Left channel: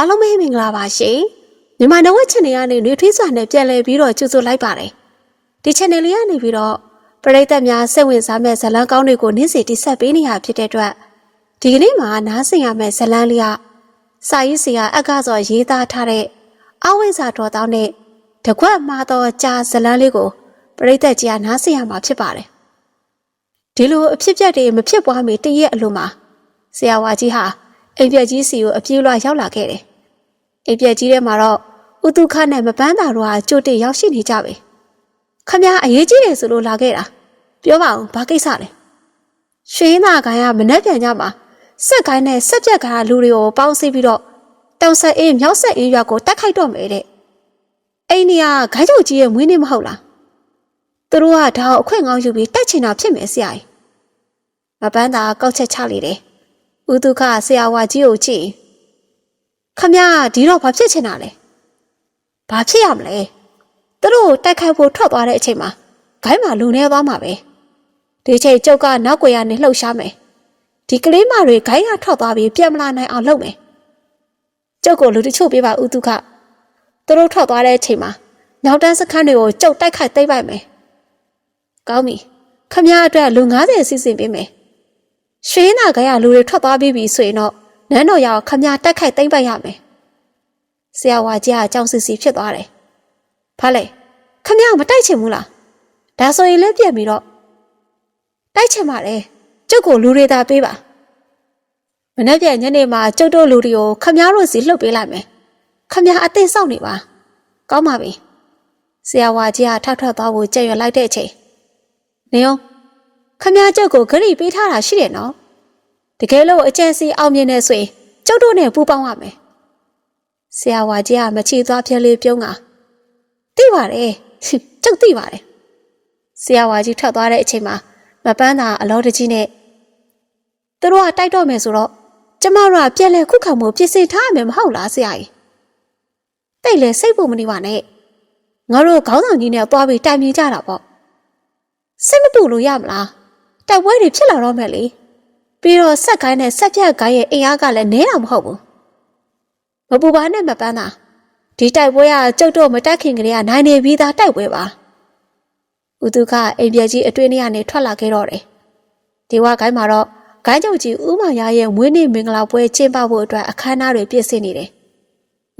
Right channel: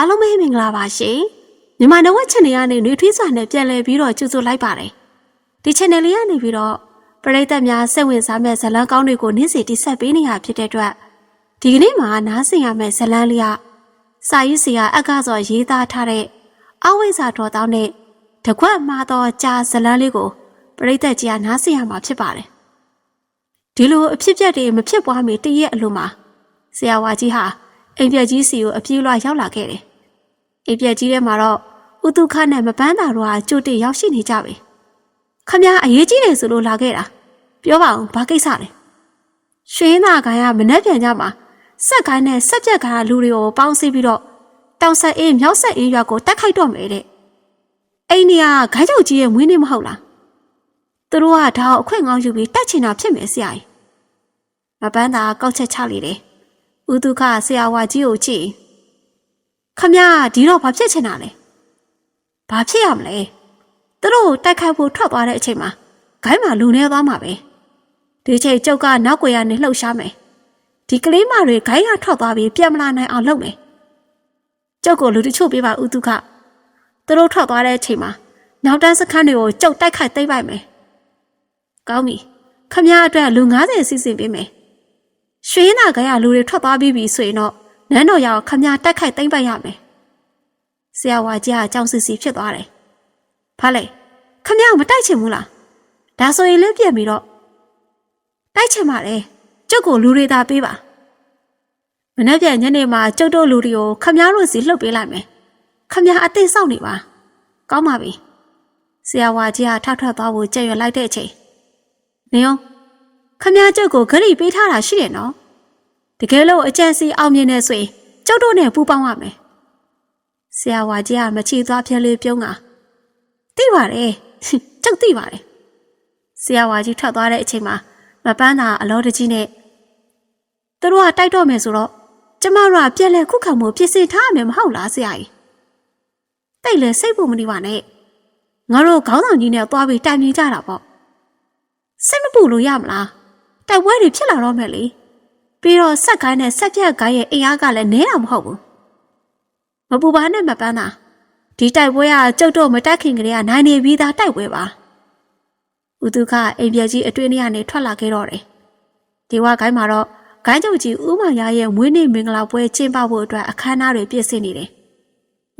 အားလုံးပဲမင်္ဂလာပါရှင်မြန်မာနဝက် channel ကနေနှွေထွေးစွာနဲ့ပြန်လည်ပြီးတော့ကြိုဆိုလိုက်ပါတယ်ဒီ channel လေးကနေပြီးတော့ပရိသတ်များစိတ်ဝင်စားမဲ့ဇာတ်လမ်းကောင်းတွေကိုနေ့စဉ်တင်ဆက်ပေးနေရဖြစ်တဲ့အတွက်ဒီကနေ့မှာနားဆင်ရမယ့်ဇာတ်လမ်းလေးကစာရေးဆရာအက္ခစောရေးသားထားတဲ့အဝိဇ္ဇာတော်တောင်းတဲ့တကွက်မှာတော့ကြာဇာတ်လမ်းလေးကိုပရိသတ်ကြီးကနားဆင်ရမှာဖြစ်ပါတယ်ဒီလိုအဖြစ်အပျက်တွေမဖြစ်ပွားမီတည့်ရက်အလိုမှာဆရာဝါကြီးဟာအိမ်ပြက်ကြီးစီကိုအပြေးလွှာရောက်လာခဲ့တယ်။ အိမ်ပြက်ကြီးထဲမှာတော့ဥတုခနဲ့မပန်းတာတို့ဟာကြိုတင်ရောက်ရှိနေကြပြီ။ခမရအရေးကြီးတယ်ဆိုလို့လာခဲ့တာ။ပြောပါဦးဘာကိစ္စလဲ။ရွှေင်းသားကိုင်ကမနှက်ပြန်ကြမှာစက်ကိုင်းနဲ့စက်ပြက်ကိုင်ကလူတွေကိုပေါင်းစည်းပြီးတော့တောင်ဆက်အင်းမြောက်ဆက်အင်းရွာကိုတက်ခိုက်တော့မယ်တဲ့။အိမ်နေကဂိုင်းချုပ်ကြီးရဲ့မွေးနေ့မဟုတ်လား။သူတို့ကဒါကိုအခွင့်ကောင်းယူပြီးတက်ချင်တာဖြစ်မယ်ဆရာကြီး။မပန်းတာကောက်ချက်ချလေတယ်။ဦးဒုက္ခဆရာဝါကြီးကိုကြည့် ခမရဒီတော့ဘာဖြစ်ချင်တာလဲဘာဖြစ်ရမလဲသူတို့တိုက်ခိုက်ဖို့ထွက်သွားတဲ့အချိန်မှာဂိုင်းမှာလူနေသွားမှာပဲဒီချိန်ကျုပ်ကနောက်ွယ်ရနေလှုပ်ရှားမယ်ဒီကလေးမတွေဂိုင်းကထွက်သွားပြီးပြန်မလာနိုင်အောင်လုပ်မယ်ကျုပ်ကိုလူတချို့ပေးပါဦးဒုက္ခသူတို့ထွက်သွားတဲ့အချိန်မှာနောက်တန်းစခန်းတွေကိုကျုပ်တိုက်ခိုက်သိမ်းပိုက်မယ်ကောင်းပြီခမရအတွက်လူ90စီစဉ်ပေးမယ်ရွှေနာကရလူတွေထွက်သွားပြီးပြီဆိုရင်တော့ နန်းတော်ရောက်ခမရတက်ခိုက်သိမ့်ပတ်ရမယ်။ဆရာဝါကြီးကကြောင်စစ်စီဖြစ်သွားတယ်။ဘာလဲခမရမတိုက်ချင်ဘူးလား။ဒါဆိုရင်လည်းပြက်ပြီးတော့တိုက်ချင်ပါလေ။ကျုပ်ကိုလူတွေသာပေးပါ။မနေ့ပြန်ညနေမှာကျုပ်တို့လူတွေကိုခမရတို့စီလှုပ်ပေးလိုက်မယ်။ခမရအသိစောင့်နေပါ။ကောင်းပါပြီ။ဆရာဝါကြီးကထောက်ထွက်သွားဖို့ကြက်ရွယ်လိုက်တဲ့အချိန်နေအောင်ခမည်းကျုပ်ကိုဂရိပေးထားတာရှိတယ်နော် တကယ်လို့အကျဉ်းစီအောင်မြင်နေဆိုရင်ကျုပ်တို့နဲ့ပူးပေါင်းရမယ်ဆရာဝါကြီးကမချီသွားပြဲလေးပြုံးကသိပါတယ်ကျုပ်သိပါတယ်ဆရာဝါကြီးထွက်သွားတဲ့အချိန်မှာမပန်းသာအလောတကြီးနဲ့သူတို့ကတိုက်တော့မယ်ဆိုတော့ကျမတို့ကပြန်လဲခုခံမှုပြင်ဆင်ထားရမယ်မဟုတ်လားဆရာကြီးတိတ်လဲစိတ်ဖို့မနေပါနဲ့ငါတို့ခေါင်းဆောင်ကြီးနဲ့သွားပြီးတိုင်မြင်ကြတာပေါ့စိတ်မပူလို့ရမလားတိုက်ပွဲတွေဖြစ်လာတော့မယ်လေ ပြီးတော့ဆက်ကိုင်းနဲ့ဆက်ပြက်ကိုင်းရဲ့အင်အားကလည်းနည်းအောင်မဟုတ်ဘူးမပူပါနဲ့မပန်းတာဒီတိုက်ပွဲကကျုပ်တို့မတက်ခင်ကလေးကနိုင်နေပြီးသားတိုက်ပွဲပါဥတုခအိမ်ပြက်ကြီးအတွင်းထဲကနေထွက်လာခဲ့တော့တယ်ဒီဝကိုင်းမှာတော့ဂိုင်းချုပ်ကြီးဥမာရရဲ့မွေးနေ့မင်္ဂလာပွဲကျင်းပဖို့အတွက်အခမ်းအနားတွေပြည့်စင်နေတယ်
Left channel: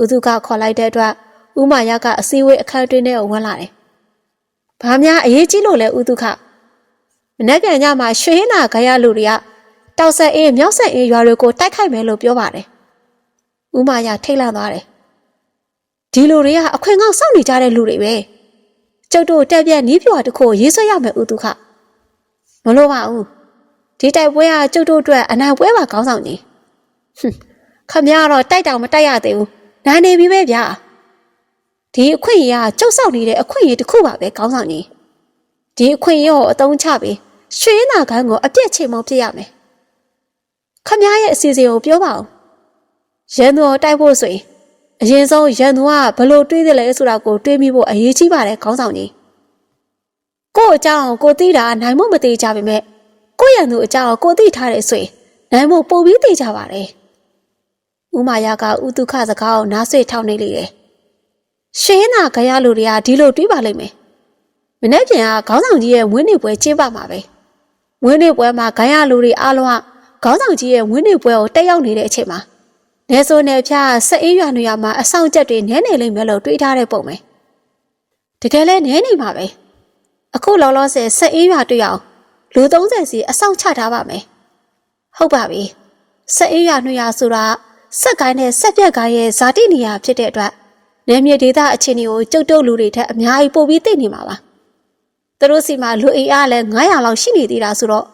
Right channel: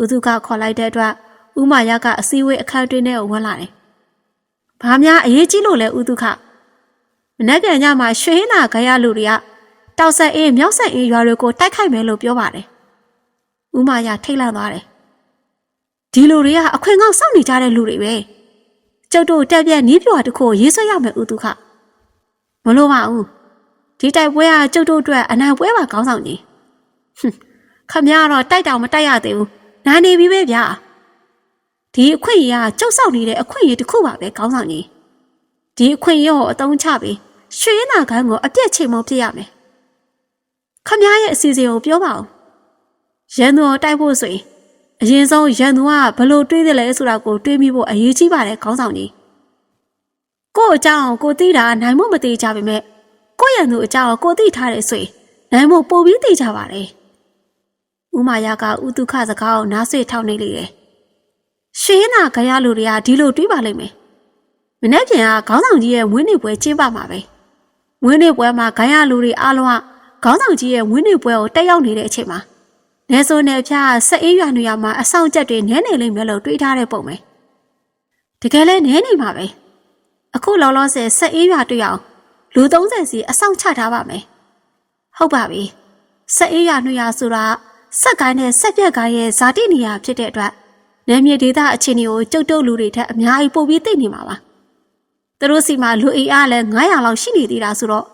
ဥတုခခေါ်လိုက်တဲ့အတွက်ဥမာရကအစည်းအဝေးအခမ်းအတွင်းထဲကိုဝင်လာတယ်။ဘာများအရေးကြီးလို့လဲဥတုခ။မနေ့ကညမှာရွှေဟင်းနာခရလူတွေက တောက်ဆက်အင်းမြောက်ဆက်အင်းရွာတွေကိုတိုက်ခိုက်မယ်လို့ပြောပါတယ်။ဥမာရထိတ်လန့်သွားတယ်။ဒီလူတွေကအခွင့်ကောင်းစောင့်နေကြတဲ့လူတွေပဲ။ကျုပ်တို့တက်ပြက်နီးပြွားတစ်ခုကိုရေးဆွဲရမယ်ဥတုခ။မလို့ပါဘူး။ဒီတိုက်ပွဲကကျုပ်တို့အတွက်အနိုင်ပွဲပါကောင်းဆောင်ကြီး။ဟွန်းခမရတော့တိုက်တောင်မတိုက်ရသေးဘူး။နိုင်နေပြီပဲဗျာ။ဒီအခွင့်အရေးကကြောက်ဆောက်နေတဲ့အခွင့်အရေးတစ်ခုပါပဲကောင်းဆောင်ကြီးဒီအခွင့်အရေးကိုအသုံးချပြီးရွှေရနာကိုင်းကိုအပြည့်ချိန်မပြရမယ် ခမည်းရဲ့အစီအစဉ်ကိုပြောပါဦးရန်သူကိုတိုက်ဖို့ဆိုရင်အရင်ဆုံးရန်သူကဘလို့တွေးတယ်လဲဆိုတာကိုတွေးမိဖို့အရေးကြီးပါတယ်ခေါင်းဆောင်ကြီးကို့အကြောင်းကိုသိတာနိုင်မှုမသိကြပါနဲ့ကိုယ့်ရန်သူအကြောင်းကိုသိထားတယ်ဆိုရင်နိုင်မှုပိုပြီးသိကြပါတယ်ဥမာယကဥတုခစကားကိုနားဆွေထောက်နေလေတယ်ရှင်းနာကြရလူတွေကဒီလိုတွေးပါလိမ့်မယ်။မနေ့ပြန်ကခေါင်းဆောင်ကြီးရဲ့ဝင်းနေပွဲကျင်းပမှာပဲ။ဝင်းနေပွဲမှာဂိုင်းရလူတွေအားလုံးက ခေါင်းဆောင်ကြီးရဲ့ဝင်းနေပွဲကိုတက်ရောက်နေတဲ့အချိန်မှာနေဆိုနေဖျားဆက်အေးရွာနေရမှာအဆောင်ချက်တွေနဲနေလိမ့်မယ်လို့တွေးထားတဲ့ပုံပဲ။တကယ်လဲနဲနေမှာပဲ။အခုလောလောဆယ်ဆက်အေးရွာတွေ့အောင်လူ30စီအဆောင်ချထားပါမယ်။ဟုတ်ပါပြီ။ဆက်အေးရွာနှွေရဆိုတာဆက်ကိုင်းနဲ့ဆက်ပြက်ကိုင်းရဲ့ဇာတိနေရာဖြစ်တဲ့အတွက်နယ်မြေဒေသအခြေအနေကိုကျုပ်တို့လူတွေထက်အများကြီးပိုပြီးသိနေမှာပါ။သူတို့စီမှာလူအိအားလည်း900လောက်ရှိနေသေးတာဆိုတော့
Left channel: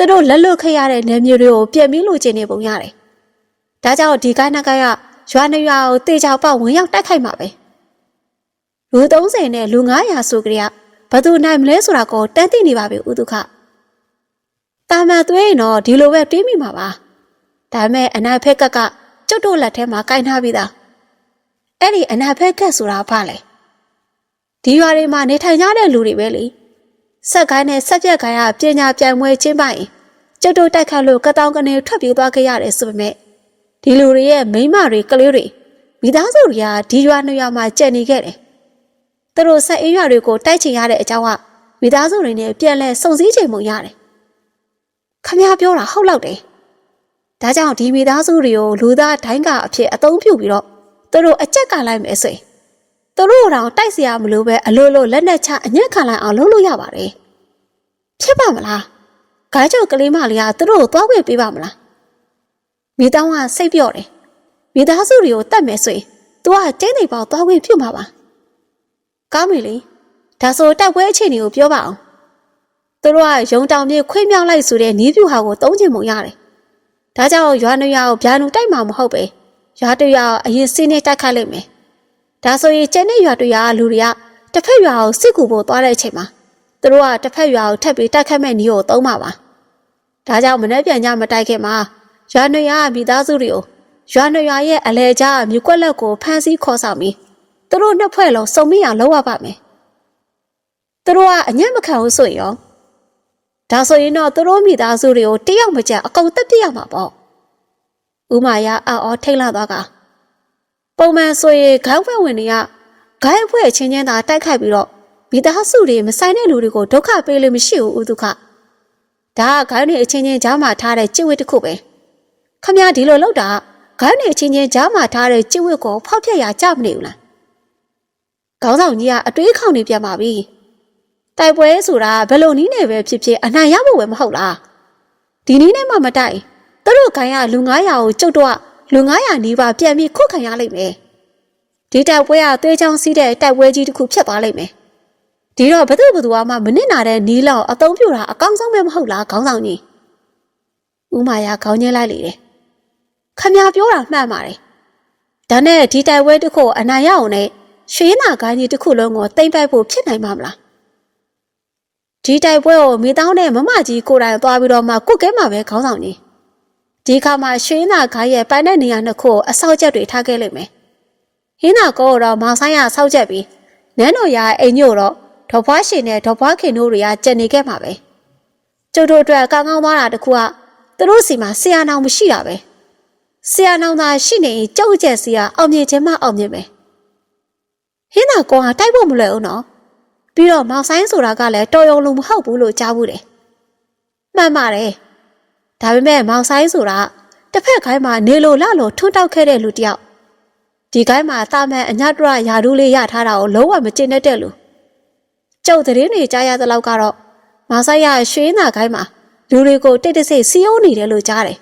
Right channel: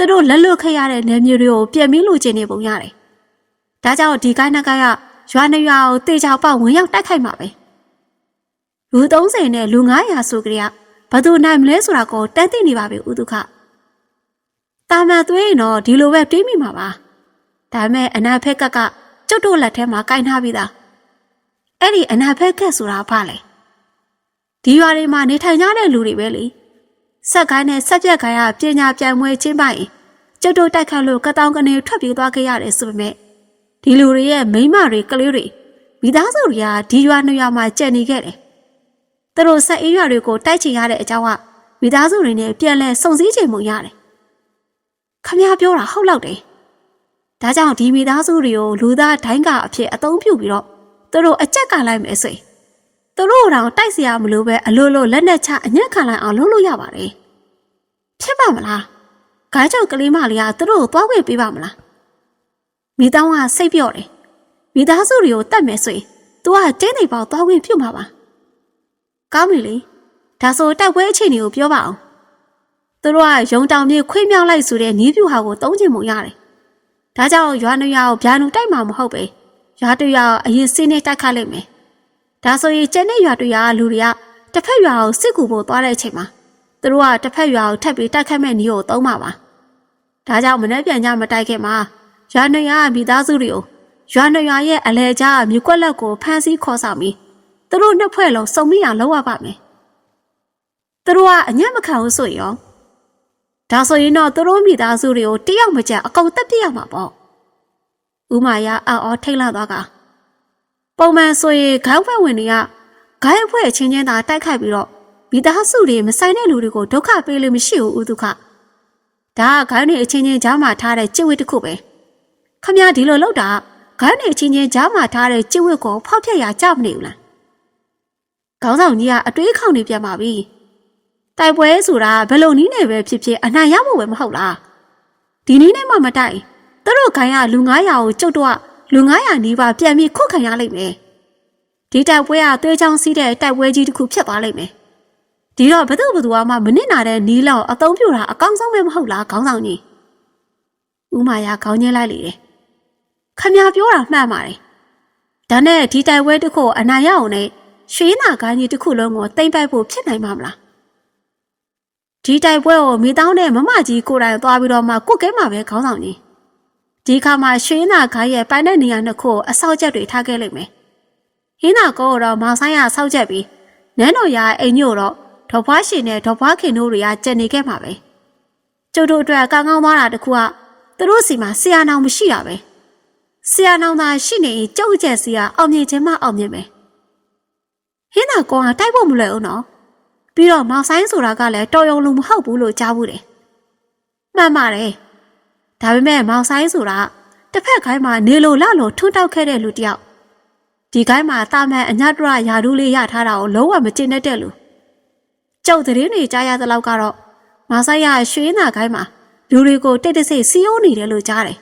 သူတို့လက်လွတ်ခဲ့ရတဲ့နယ်မြေတွေကိုပြန်ပြီးလိုချင်နေပုံရတယ်။ဒါကြောင့်ဒီကိုင်းနကရရွာနေရွာကိုတေချောက်ပေါက်ဝင်ရောက်တိုက်ခိုက်မှာပဲ။လူ30နဲ့လူ900ဆိုကြရဘယ်သူနိုင်မလဲဆိုတာကိုတန်းသိနေပါပြီဥဒုခ။တာမန်သွေးရင်တော့ဒီလိုပဲတွေးမိမှာပါ။ဒါပေမဲ့အနာဖက်ကကကျုပ်တို့လက်ထဲမှာကင်ထားပြီးသား။အဲ့ဒီအနာဖက်ကတ်ဆိုတာဘာလဲဒီရွာတွေမှာနေထိုင်ကြတဲ့လူတွေပဲလေ ဆက်ကိုင်းနဲ့ဆက်ပြက်ကိုင်းကပညာပြိုင်ပွဲချင်းပိုင်ကျုပ်တို့တိုက်ခတ်လို့ကတောင်ကနေထွက်ပြေးသွားခဲ့ရတယ်ဆိုပေမဲ့ဒီလူတွေရဲ့မိန်းမတွေကလေးတွေမိသားစုတွေကဒီရွာနှစ်ရွာမှာကြံနေခဲ့တယ်။သူတို့ဆက်အင်းရွာတွေကိုတိုက်ချင်ရတဲ့အကြောင်းကမိသားစုတွေနဲ့ပြန်လဲစုံစည်းချိန်မှုရတယ်။ခမရပြောတာဟုတ်လောက်တယ်။ဒါကြောင့်ဒီမိသားစုတွေကိုလူသားဒိုင်းကအဖြစ်အသုံးပြုပြီးတော့သူတို့အကြက်ကလိုက်မယ်ဆိုရင် သူတို့တော့တိုက်စရာမလိုပဲအလိုလိုလက်နဲ့ချအညံ့ခံလိုက်အောင်လုပ်လို့ရပါတယ်ဖြစ်ပါမလားခိုင်းကြောက်ကလေးမလေးကသူတို့ကိုသွားခွင့်ပေးပါမလားမိသားကစိတ်ပြော့တယ်မိသားစုတွေကိုတတ်မယ်ဆိုရင် तू ကကျင်းနေပေါသွားခွင့်ပြုမှာပါကောင်းပြီလေဒါဆိုတိုက်ပွဲအခြေအနေကိုပြောပါအောင်သူတို့ကရုံတောင်မြေခွေးမြောက်လိုက်ဆိုတဲ့နီးပြူဟာကိုသုံးချင်မှုရတယ်ဒါကြောင့်ရွာနွေရွာကိုဗျာနူတိုက်မှာမဟုတ်ပဲရွာတရွာအရင်စင်းနဲ့တိုက်ခတ်လိုက်မယ် ဒါဆိုရင်ကျန်တဲ့ရွာတရွာကလူတွေကတစ်ဖက်ရွာကိုစစ်ကူဖို့သွားတဲ့အချိန်မှာသူတို့ကတစ်ဖက်ရွာကိုထပ်ပြီးတိုက်ခတ်မဲ့နီးကိုသုံးပါပါ။ဒါကြောင့်မနေ့ပြန်ကြမတိုက်ခင်မှာရွာနေရွာမိသားစုတွေကိုရွာနေရွာရဲ့အလဲကြားမြကွက်လက်ကိုဖမ်းဆီးခေါ်ဆောင်ပြီးသူတို့နှစ်ဖွဲ့လုံးစုံမိအောင်လုပ်ရပါမယ်။သူတို့ကအညံ့မခံဘူးဆိုရင်ရောဒါဆိုရင်တော့သူတို့မိသားစုတွေကိုတယောက်မကျအကုန်တက်ပြစ်ရမှာပေါ့။ဦးမာယာအော်အော်ထိတ်လန့်သွားက ပုံမှန်ဆိုရင်ခေါင်းဖွဲ့ဝင်တွေကဂိုင်းအဖွဲ့ချင်းချင်းသာတိုက်ခိုက်ပြီးတော့မိသားစုတွေမဆိုင်တဲ့လူတွေကိုဒုက္ခပေးလို့မရှိဘူးဥဒုက္ခ။ဒါကဂိုင်းတွေအချင်းချင်းကြားမှာထားတဲ့ကြိဝတ်တစ်ခုပဲ။ခမရဒီလိုလောက်တာဂိုင်းတွေအချင်းချင်းကြားမှာထားတဲ့ကြိဝတ်ကိုဖောက်ဖျက်ရကြမနေဘူးလား။ခေါင်းဆောင်ကြီးကအတွေးခေါင်နေပြန်ပါပြီ။တိုက်ပွဲဆိုတာဘယ်လိုနည်းနဲ့ပဲဖြစ်ဖြစ်အနိုင်ရဖို့ပဲမဟုတ်လား။ဒီနည်းနဲ့မှမတိုက်သူတို့ခိုင်းရလူ900ကိုကျုပ်တော့ လူ900နီးပါးပြန်ပြီးခုတ်ခံရလိမ့်မယ်။ဒီတိုက်ပွဲကသွေးချောင်းစီးတဲ့တိုက်ပွဲကြီးတစ်ခုဖြစ်သွားလိမ့်မယ်။ဒီတော့ဘသူဘသူမှမနစ်နာတဲ့နီးလောက်အသုံးပြတာအကောင်းဆုံးပဲမဟုတ်လားခေါင်းဆောင်ကြီး။ဦးမာယာခေါင်းညှဲလိုက်လေတယ်။ခမပြောတာမှန်ပါတယ်။ဒါနဲ့ဒီတိုက်ပွဲတစ်ခုအနိုင်ရအောင်နဲ့ရွှေနာကိုင်းကြီးတစ်ခုလုံးကိုတိမ့်ပိုက်ဖို့ဖြစ်နိုင်မှာမလား။ဒီတိုက်ပွဲကိုမိတောင်းနဲ့မမကြီးကိုယ်တိုင်သွားပြီးတော့မှကုတ်ကဲမှာပဲခေါင်းဆောင်ကြီး။ ဒီခါမှာရွှေနာကိုင်းရဲ့ပိုင်တဲ့နေရာနှစ်ခုကိုအဆောက်ချက်တွေထားခဲ့လိမ့်မယ်။ဟင်းနာကောတော့မောင်ဆိုင်ရဆောက်ချက်ပြီးနန်းတော်ရအိမ်ညို့တော့ဒေါ်ဖွားရှင်နဲ့ဒေါ်ဖွားခင်တို့တွေကကြံနေခဲ့မှာပဲ။ကျုပ်တို့အတွက်ကောင်းကောင်းသွားတာတခုကသူတို့စီမှာဆရာနောင်မရှိတာပဲ။ဆရာနောင်သာရှိနေရင်ကြောက်ကြက်စီကအောင်မြင်ခြင်းမအောင်မြင်ပဲ။ဟင်းနာကောကတိုက်ဖို့မလွယ်ဘူးနော်။ပြီးတော့မောင်ဆိုင်ဆိုတာကလည်းတော်ရုံလူမဟုတ်ဘူးလို့ကြားဘူးတယ်။မှန်ပါတယ်။ ဒါပေမဲ့မောင်ဆိုင်ဆိုတာတစ်ဖက်ခိုင်းမှာနေလိုလလိုထွန်းတောက်ခဲ့တဲ့လူတယောက်ဒီကိုင်းမှာတာမန်အညတရယာဒူးလေးရထားတာကိုလုံးဝမကျင်တတ်တဲ့လူကျုပ်သတင်းတွေကြားရသလောက်ကတော့မောင်ဆိုင်ရရွှေနာကိုင်းမှာလူတွေကိုတိတ်တဆိတ်စီးယုံနေတယ်လို့ကြားတယ်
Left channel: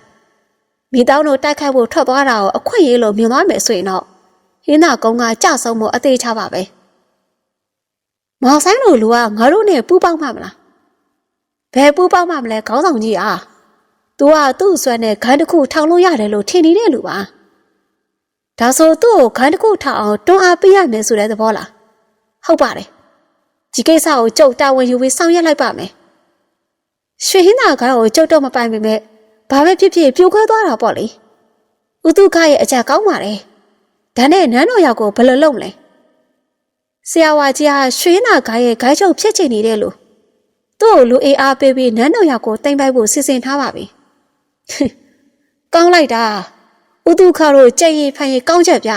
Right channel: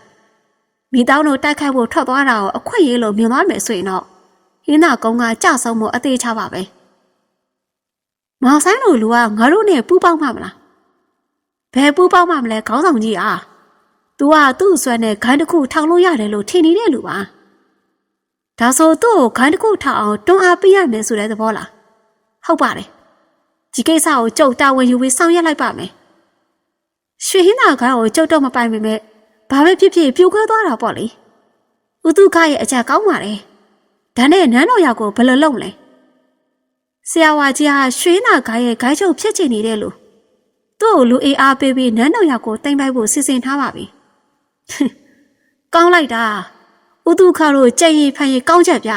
မိတောင်းတို့တိုက်ခိုက်ဖို့ထွက်သွားတာကိုအခွင့်အရေးလို့မြင်သွားမယ်ဆိုရင်တော့ဟင်းနာကုန်းကကြောက်ဆုံးမှုအသေးချပါပဲမောင်ဆိုင်တို့လူကငါတို့နဲ့ပူးပေါင်းမှမလားဘယ်ပူးပေါင်းမှမလဲခေါင်းဆောင်ကြီးအား तू ကသူ့အစွမ်းနဲ့ဂိုင်းတစ်ခုထောင်လို့ရတယ်လို့ထင်နေတဲ့လူပါဒါဆိုသူ့ကိုခိုင်းတစ်ခုထအောင်တွန်းအားပေးရမယ်ဆိုတဲ့သဘောလားဟုတ်ပါတယ်ဒီကိစ္စကိုကြုတ်တာဝန်ယူပြီးဆောင်ရွက်လိုက်ပါမယ်ရွှေဟင်းသာခိုင်းကိုကြုတ်တော့မပိုင်ပေမဲ့ဘာပဲဖြစ်ဖြစ်ပြိုကောသွားတာပေါ့လေဥတုခရဲ့အကြကောင်းပါတယ်ဒါနဲ့နန်းတော်ရောက်ကိုဘယ်လိုလုပ်မလဲဆရာဝါကြီးဟာရွှေဟင်းသာခိုင်းရဲ့ဂိုင်းချုပ်ဖြစ်ချင်နေတဲ့လူသူ့ကိုလူအေးအားပေးပြီးနန်းတော်ရောက်ကိုတင်ပိုက်ဖို့စီစဉ်ထားပါပြီ ကောင်းလိုက်တာဥတုခါတို့ကြက်ရည်ဖန်ရည်ကောင်းချက်ပြ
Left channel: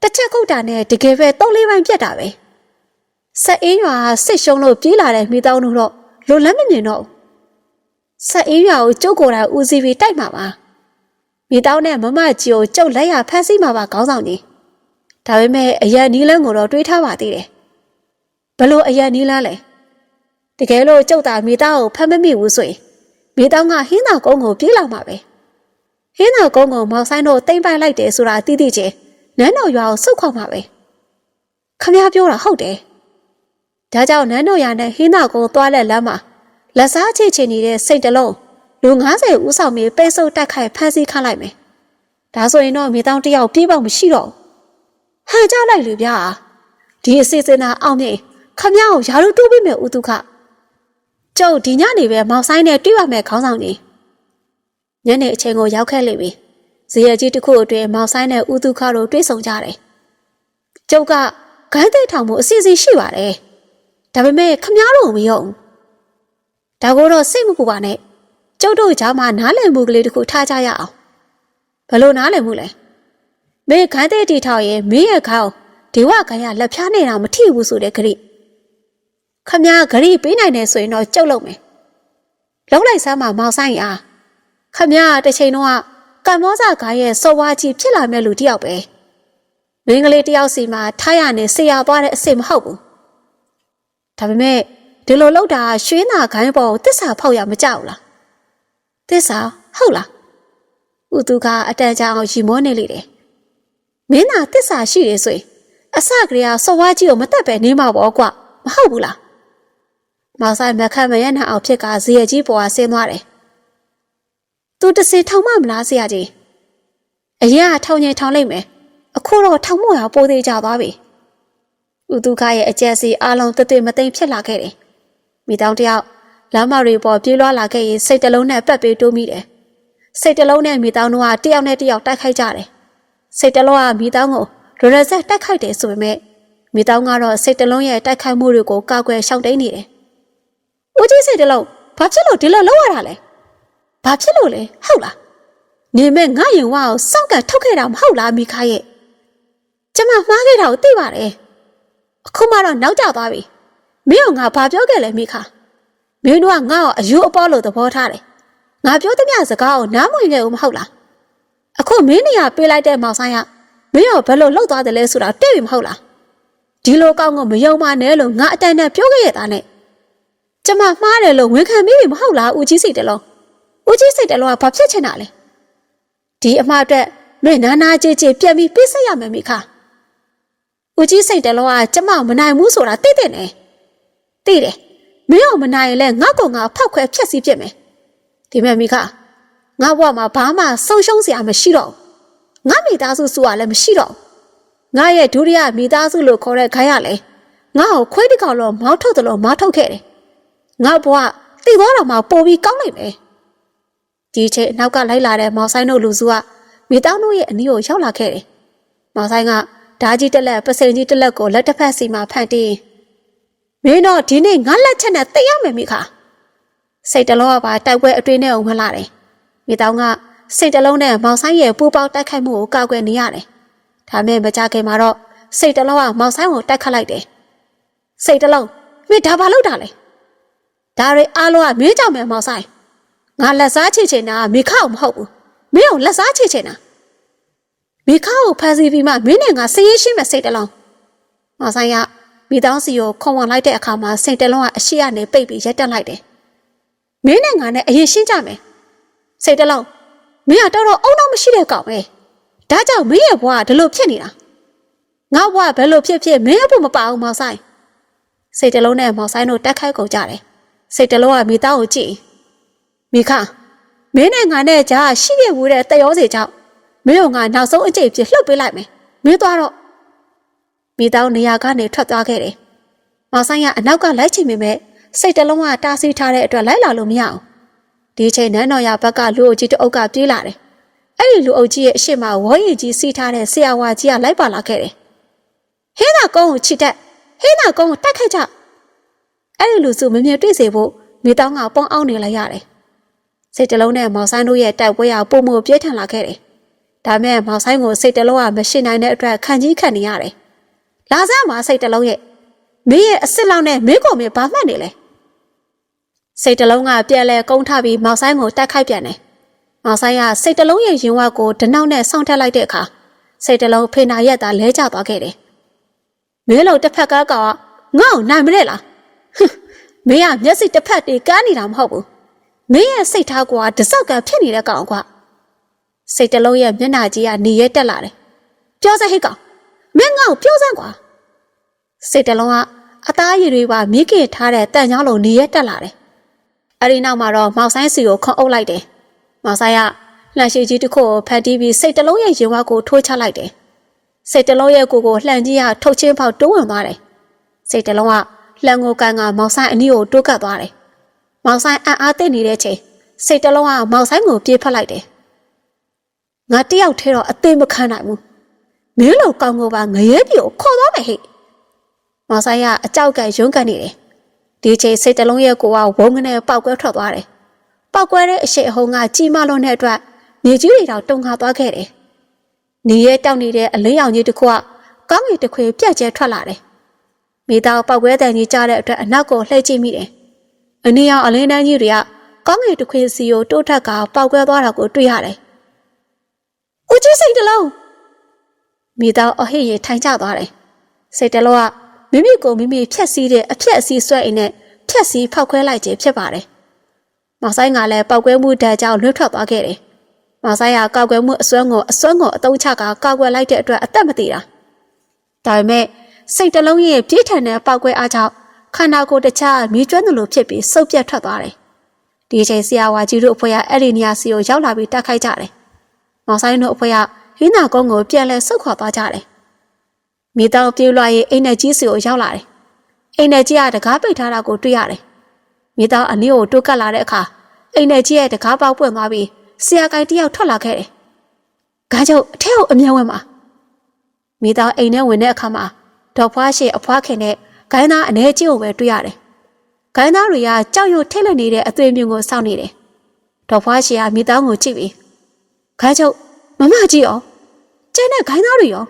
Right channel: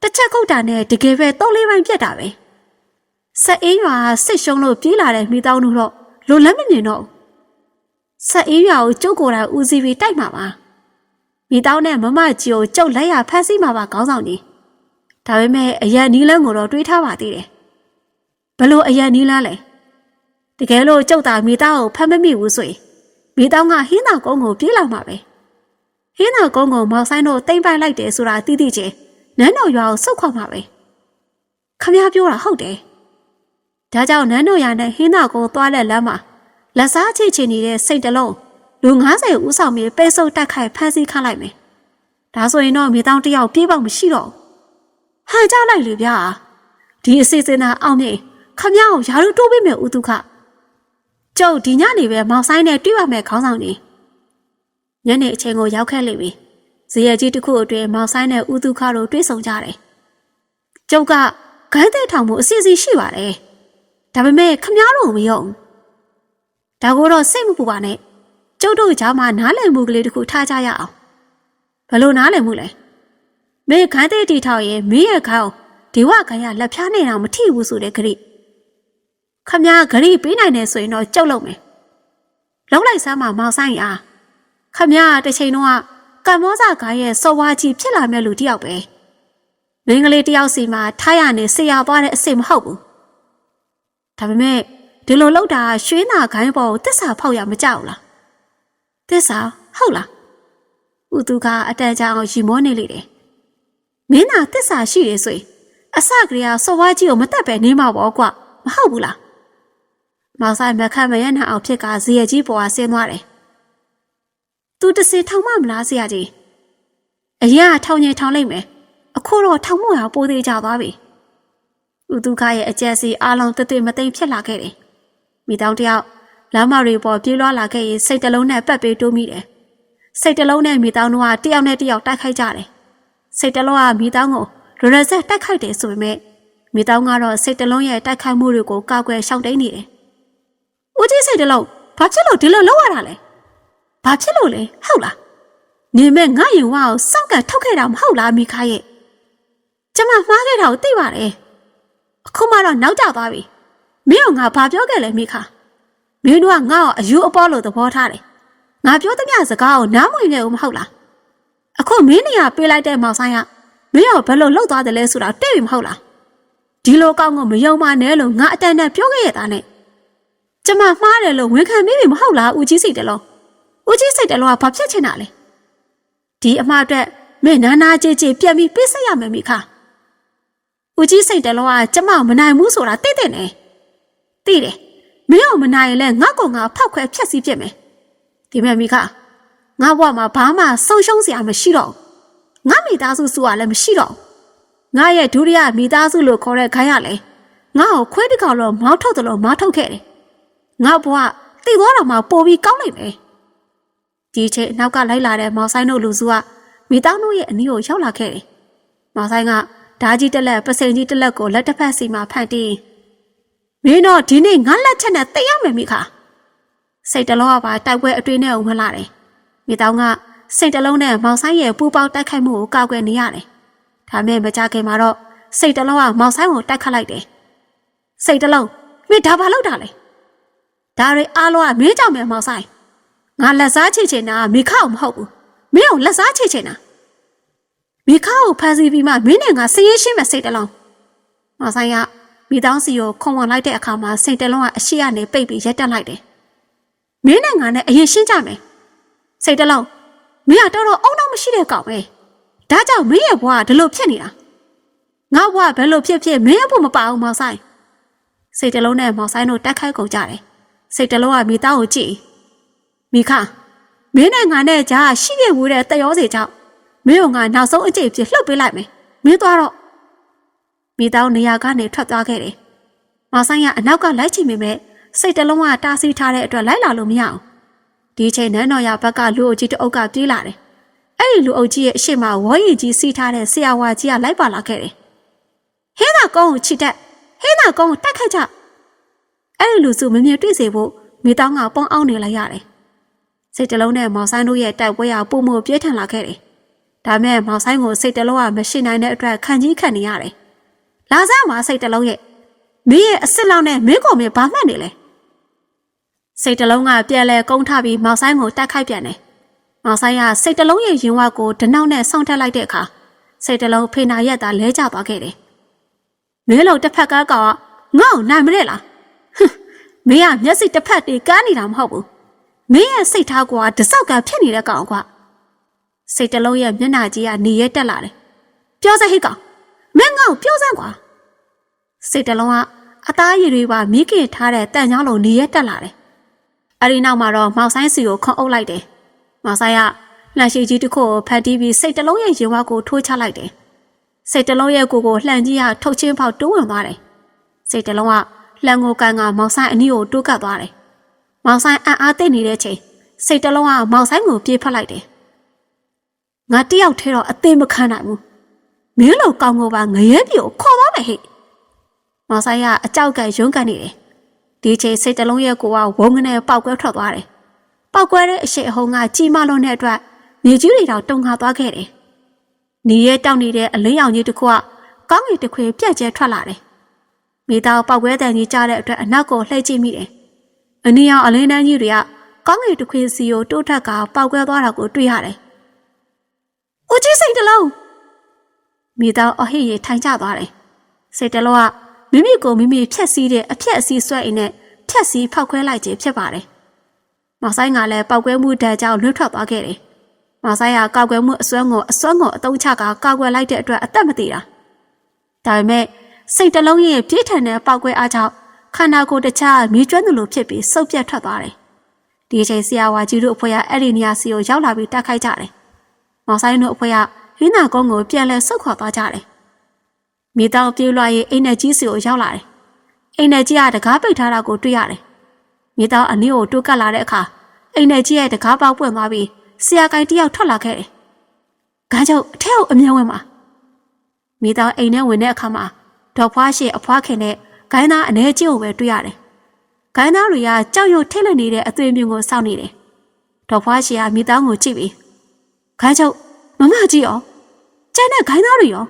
တစ်ချက်ခုတ်တာနဲ့တကယ်ပဲသုံးလေးပိုင်းပြတ်တာပဲဆက်အေးရွာစစ်ရှုံးလို့ပြေးလာတဲ့မိသားတို့တော့လိုလန်းမမြင်တော့ဆက်အေးရွာကိုကျုပ်ကိုယ်တိုင်ဦးစီးပြီးတိုက်မှာပါမိသားနဲ့မမကြီးကိုကျုပ်လက်ရဖမ်းဆီးမှာပါခေါင်းဆောင်ကြီးဒါပေမဲ့အရန်နီးလန်းကိုတော့တွေးထားပါသေးတယ်ဘလို့အရန်နီးလန်းလဲတကယ်လို့ကျုပ်တာမိသားကိုဖမ်းမမိဘူးဆိုရင် မိသားကဟင်းသာကုန်းကိုပြေးလာမှာပဲဟင်းသာကုန်းကိုမောင်ဆိုင်တို့တိမ့်ပိုက်လိုက်တယ်ဆိုတာသိသိချင်းနန်းတော်ရွာကိုစုတ်ခွာမှာပဲခမပြောတာဟုတ်တယ်ဒါကြောင့်နန်းတော်ရွာနဲ့ဟင်းသာကုန်းသွားတဲ့လမ်းမှာလက်စားချိတ်ချင်နေတဲ့စိတ်တလုံးလူ90ဦးဆောင်ပြီးပိတ်ဆို့တက်ခိုက်ဖမ်းဆီးခန့်လိုက်မယ်ဒါဆိုရင်တော့မိသားတယောက်ပြေးပေါက်မရှိတော့ဟန်ကြလိုက်လေဗျာဒီအစီအစဉ်သာအောင်မြင်ခမကိုယာရုတိုးပေးမယ်ဥတုခ ကျုပ်ဒီညနေပဲမောင်ဆိုင်နဲ့တွေ့ရမယ်ခေါင်းဆောင်ကြီးညနေအချိန်ကိုရောက်ခဲ့လိမ့်ပြီဇေယျကြီးတစ်ခုအတွင်းမောင်ဆိုင်နဲ့ဥတုခတို့တွေ့ဆုံကြတယ်ကျုပ်ကဂိုင်းသိထောင်မှုအစီအစဉ်ရှိပါတယ်ဒါပေမဲ့ခမားတို့မယုံဒါကိုတော့စိတ်မပူပါနဲ့ကျုပ်တို့ကြားမှာနားလည်မှုကလေးတစ်ခုထားကြရအောင်ဘယ်လိုနားလည်မှုလဲမင်းခိုင်းတဲ့တီထောက်ရင်မင်းရဲ့ခေါင်းဒီဝခိုင်းရလက်ဖြားနေတာမထိဘူးဆိုတဲ့ခရီး ခမည်းခရီးပေးနိုင်တယ်ဆိုရင်တော့ကြုတ်လုံးမယ်လုံးလိုက်စမ်းပါမောင်ဆိုင်အားခမည်းတစ်ချိန်တော့ကံမောစာခိုင်းရဲ့စော်ဝါကြီးဖြစ်လာမဲ့လူတစ်ယောက်ပဲမင်းကလေးတစ်ယောက်စီမှာထားရနေဆရာသွားတဲ့အစ်စ်မဟုတ်ဘူးဒါပေမဲ့ဒီလိုလောက်တာရွှေနာခိုင်းပေါ်ကိုတစ္ဆာဖောက်ရမကြောက်လားတစ္ဆာဟုတ်လားဥသူကအတန်ကြာအောင်ရီမောနေလေတယ်မင်းနာတစ္ဆာရှိတယ်ဆိုရင်အစကလေးကစော်ဝါကြီးကိုမတက်ပဲနေမှာပေါ့ကွမဟုတ်ဘူးလား မောင်ဆိုင်မခတ်မရနဲ့အောင်ဖြစ်ကဇေယျကြီးပေါ်ကဆင်းသွားတယ်သူတစင်ထောင်မမလားဆရာကြီးအရင်ကထောင်ငင်ထောင်လိုက်မယ်အခုတော့ထောင်မို့ရပိုးသေးကြသွားပြီဥတုခရဲ့အကျက်စီအားလုံးတသွေမသိမ့်ဖြစ်လာခဲ့တယ်မိတောင်တယောက်လမ်းမတွေပေါ်ပြေးလွှားလာခဲ့ရင်စိတ်တလုံးနဲ့ပတ်ပေးတိုးမိတယ်စိတ်တလုံးနဲ့မိတောင်တို့ကတယောက်နဲ့တယောက်တိုက်ခိုက်ကြတယ်စိတ်တလုံးကမိတောင်ကိုရရဆက်တိုက်ခိုက်တယ်ဆိုပေမဲ့မိတောင်ကတော့စိတ်တလုံးရဲ့တိုက်ခိုက်မှုတွေကိုကောက်ွယ်ရှောင်တိန်နေတယ် ဦးကြီးစိတ်တလုံးဘာဖြစ်လို့ဒီလိုလုပ်ရတာလဲဘာဖြစ်လို့လဲဟုတ်လားနေမဲ့ငါရင်ဝါကိုစောင့်ကန်ထုတ်ခဲ့တာမဟုတ်လားမိခါရဲ့ကျမမှားခဲ့တာကိုသိပါတယ်အခုမှတော့နောက်ကျသွားပြီမင်းကငါဘာပြောခဲ့လဲမိခါမင်းတို့ကငါ့ကိုအယူအပေါ်လို့သဘောထားတယ်ငါပြောသမျှစကားကိုနားမဝင်ခဲ့ဘူးမဟုတ်လားအခုမင်းနေရပေးလိုက်တဲ့မောင်ဆိုင်ကမင်းရောဘယ်လိုလှုပ်သွားတယ်လဲဆိုတာသိပြီမဟုတ်လားဒီလိုကောင်းကိုမယုံမနဲ့လို့ငါအတန်နဲ့ပြောခဲ့ရတာနဲ့ ကျမမှားတယ်လို့ဝန်ခံမိပြီမဟုတ်လားဦးကြီးစိတ်တလုံးဦးကြီးစိတ်တလုံးကဘာဖြစ်ချင်တာလဲဒီအမှားအတွက်မင်းနာနာကြည်ကြည်ပြန်ပြီးပြစ်ဆက်ရမယ်မိခါဦးကြီးစိတ်တလုံးကကျမမနိုင်ဘူးဆိုတာသိတဲ့နဲ့သိတယ်မင်းအောင်မနိုင်ရင်လည်းငါ့ကောင်ငါဖောက်ခွဲဖြက်စီးပြစ်မယ်ဒီမဲ့မိခါငါဘဝမှာဘာမှဆုံးရှုံးစရာမရှိတော့ငါမိသားစုစုကလည်းမရှိတော့ငါရဲ့ဒုတိယမိသားစုလို့ခေါ်တဲ့ခိုင်းရလဲငါ့ကိုခွေးတစ်ကောင်တော့မောင်းထုတ်တယ်လို့မောင်းထုတ်ခဲ့တယ် ငါဘဝတိသွားတော့မှပို့ပြီးကောင်းလိုက်မယ်ဒီချိန်အနောက်ကလိုက်လာတဲ့မောင်ဆိုင်တို့လူစုကမိသားစုရဲ့အနီးကိုရောက်လာခဲ့တယ်မောင်ဆိုင်ကဓာကြီးတက်လက်ပစိန်ကြီးတက်လက်ကိုလက်တစ်ဖက်စီမှာဖန်တီးမင်းတော့ဒီနေ့ငါလက်ချက်နဲ့တိတ်ရမယ်မိခါစိတ်တလုံးကပါတိုက်ပွဲအတွင်းနဲ့ဝင်လာတယ်မိတောင်ကစိတ်တလုံးနဲ့မောင်ဆိုင်ရဲ့ပူပေါက်တိုက်ခိုက်မှုကိုကောက်ွယ်နေရတယ်ဒါမဲ့မကြခင်မှာတော့စိတ်တလုံးကမောင်ဆိုင်ကိုတိုက်ခတ်လိုက်တယ်စိတ်တလုံးမင်းဒါဘာလုပ်တာလဲ ဒါတွေအားလုံးကမင်းကြောင့်ပဲမောင်ဆိုင်ငါလက်စားချေချင်တာမိခါ့ကိုမဟုတ်ဘူးမင်းကိုလက်စားချေချင်တာမိခါ့ကိုဖမ်းဆီးပြီးမှမင်းနဲ့ငါစည်ရရှင်းမဲ့စိတ်တလုံးမောင်ဆိုင်ကမိသားစီကိုခုံဝင်လိုက်တဲ့အခါမှာစိတ်တလုံးကအရှိကနေပိတ်ပြီးရက်တက်လိုက်တယ်မင်းနဲ့ငါနဲ့အရင်ရှင်းကြမယ်စိတ်တလုံးမင်းကတော်တော်အုံတော့မရှိတဲ့ကောင်ပဲဒါကြောင့်မင်းရဲ့ဘဝကဒီလိုဖြစ်နေတာငါဘဝဘယ်လိုဖြစ်ဖြစ်မင်းအဖို့မပါအောင်မောင်ဆိုင်စိတ်တလုံးနဲ့မောင်ဆိုင်တို့တက်ခိုက်ကုန်ကြတယ် စိတ်တလုံးကမိသားကိုကြည့်မိခမင်းနဲ့ငါနဲ့ကြားရှိခဲ့ဘူးတဲ့တရောစီကြောင့်မင်းကငါနောက်ဆုံးအကျိတ်ဖြစ်လှုပ်ပေးလိုက်မယ်မင်းသွားတော့မိသားနေရာကနေထွက်သွားခဲ့တယ်မောင်ဆိုင်ကအနောက်ကလိုက်ချင်ပေမဲ့စိတ်တလုံးကတားဆီးထားတဲ့အတွက်လိုက်လာလို့မရအောင်ဒီချိန်နန်းတော်ရဘက်ကလူအုပ်ကြီးတအုပ်ကပြေးလာတယ်အဲ့ဒီလူအုပ်ကြီးရဲ့အရှိမဝေါ်ရည်ကြီးစီးထားတဲ့ဆရာဝါကြီးကလိုက်ပါလာခဲ့တယ်ဟင်းသာကုန်းကိုချစ်တက်ဟင်းသာကုန်းကိုတက်ခတ်ကြ အဲ့ဒီလူစုမမြင်တွေ့စေဖို့မိသားကပေါင်းအောင်နေလိုက်ရတယ်စိတ်တလုံးနဲ့မောင်ဆိုင်တို့ရဲ့တိုက်ပွဲရပုံမှုပြည့်ထန်လာခဲ့တယ်ဒါမဲ့မောင်ဆိုင်ကိုစိတ်တလုံးကမရှိနိုင်တဲ့အတွက်ခံကြီးခံနေရတယ်လာစမ်းပါစိတ်တလုံးရဲ့မင်းရဲ့အစ်စ်လောက်နဲ့မင်းကိုမင်းဘာမှတ်နေလဲစိတ်တလုံးကပြန်လဲကုန်းထပြီးမောင်ဆိုင်ကိုတိုက်ခိုက်ပြန်တယ်မောင်ဆိုင်ကစိတ်တလုံးရဲ့ရင်ဝါကိုဒနောက်နဲ့ဆောင်းထက်လိုက်တဲ့အခါစိတ်တလုံးဖေနာရက်သာလဲကျသွားခဲ့တယ်မင်းတို့တစ်ဖက်ကကငါ့ကိုနိုင်မလဲလားဟင်း မင်းကမျက်စိတစ်ဖက်တည်းကန်းနေတာမဟုတ်ဘူးမင်းရဲ့စိတ်ထားကွာတစောက်ကဖြစ်နေတဲ့ကောင်ကွာစိတ်တလုံးရဲ့မျက်နှာကြီးကနေရဲတက်လာတယ်ပြောစဟိတ်ကောင်မင်းငါ့ကိုပြောစမ်းကွာစိတ်တလုံးကအသားရည်တွေပါမိခင်ထားတဲ့တန်ချောင်းလုံးနေရဲတက်လာတယ်အဲ့ဒီနောက်မှာတော့မောင်ဆိုင်စီကိုခွန်အုပ်လိုက်တယ်မောင်ဆိုင်ကလှန်ရှိကြီးတစ်ခုကိုဖတ်တီးပြီးစိတ်တလုံးရဲ့ရင်ဝါကိုထိုးချလိုက်တယ်စိတ်တလုံးရဲ့ကိုယ်ကိုလှန်ကြီးရထုတ်ချင်းပေါက်တိုးဝင်သွားတယ်စိတ်တလုံးက လှန်ကိုကန်ကမောင်ဆိုင်အနီးကိုတိုးကပ်သွားတယ်မောင်ဆိုင်အံ့အားသိနေတဲ့ချိန်စိတ်တလုံးကမောင်ဆိုင်ကိုပြေးဖက်လိုက်တယ်ငါတယောက်ထဲတော့အသေးမခံနိုင်ဘူးမင်းလိုကောင်းကိုပါငရဲပြိုခေါ်သွားမယ်ဟဲ့မောင်ဆိုင်ကအကြောက်ကန်ရုန်းကန်နေတယ်ဒီချိန်စိတ်တလုံးရဲ့ကိုကဝုန်းကနေပေါက်ကွဲထွက်သွားတယ်ပောက်ကွဲတဲ့အရှိအဟုန်ကကြီးမလွန်တဲ့အတွက်မြေကြီးတွေတော့တုန်ခါသွားခဲ့တယ်နေရဲတောက်နေတဲ့အလင်းရောင်ကြီးတစ်ခုကကောင်းကင်တစ်ခွေပြက်ကျဲထွက်လာတယ်။ မိသားပောက်ကွဲတန်ကြီးကြားတဲ့အတွက်အနောက်ကိုလှည့်ကြည့်မိတယ်။အနီရောင်အလင်းတန်းကြီးတွေကကောင်းကင်တစ်ခွေစီကိုတိုးထက်ကပောက်ကွဲသွားတာကိုတွေ့ရတယ်။ဦးကြီးစိတ်တလုံးမိသားအဟိရေထိုင်ကျသွားတယ်။စိတ်တလုံးကမိမိကိုမိမိဖြက်စီးတဲ့အဖြက်အစီးဆွဲအိမ်နဲ့ဖြက်စီးဖောက်ခွဲလိုက်ခြင်းဖြစ်ပါတယ်။မောင်ဆိုင်ကလည်းပောက်ကွဲမှုဓာတ်ကြောင့်လွတ်ထွက်သွားခဲ့တယ်။မောင်ဆိုင်ကကောက်ကွဲမှုအစွမ်းကိုအစွမ်းကိုအတုံးချကကောက်ကွဲလိုက်တဲ့အတွက်အသက်မတည်တာ။ဒါပေမဲ့ စိတ်တလုံးရဲ့ပြည့်ထန်တဲ့ပောက်ကွဲအားကြောင့်ခန္ဓာကိုယ်တစ်ခြားမြေကျွမ်းသလိုဖြစ်ပြီးစုပ်ပြတ်ထွက်သွားတယ်။ဒီအချိန်ဆရာဝါကြီးတို့အဖွဲ့ကအဲ့ဒီနေရာစီကိုရောက်လာပြီးတက်ခိုက်ကြတယ်။မောင်ဆိုင်တို့အဖွဲ့ကဟင်းနာကုန်းကိုပြန်လဲဆုတ်ခွာသွားကြတယ်။မိသားပြေးလွှားရေးအိမ်နဲ့ကြီးစီကိုရောက်လာတယ်။အိမ်နဲ့ကြီးကတကားပိတ်ထားတာကိုတွေ့ရတယ်။မိသားအနည်းကိုတိုးကပ်လာတဲ့အခါအိမ်နဲ့ကြီးရဲ့တကားပေါက်ပွင့်သွားပြီးဆရာကိုင်တယောက်ထွက်လာခဲ့တယ်။ခေါင်းချုပ်အထက်ကိုအမြဲဝင်ပါ။မိသားအိမ်ထဲဝင်တဲ့အခါမှာ ဒေါ်ဖွားရှိအဖွားခင်နဲ့ဂိုင်းသားအနေကြီးကိုပဲတွေ့ရတယ်။ဂိုင်းသားတွေကကြောက်ရွံ့ထိတ်လန့်နေတဲ့အသွေးမြုံကိုစောင့်နေတယ်။ဒေါ်ဖွားရှိကမိသားကိုကြည့်ပြီးခေါင်းချုပ်မမကြီးရောကျန်တဲ့ဂိုင်းသားတွေရော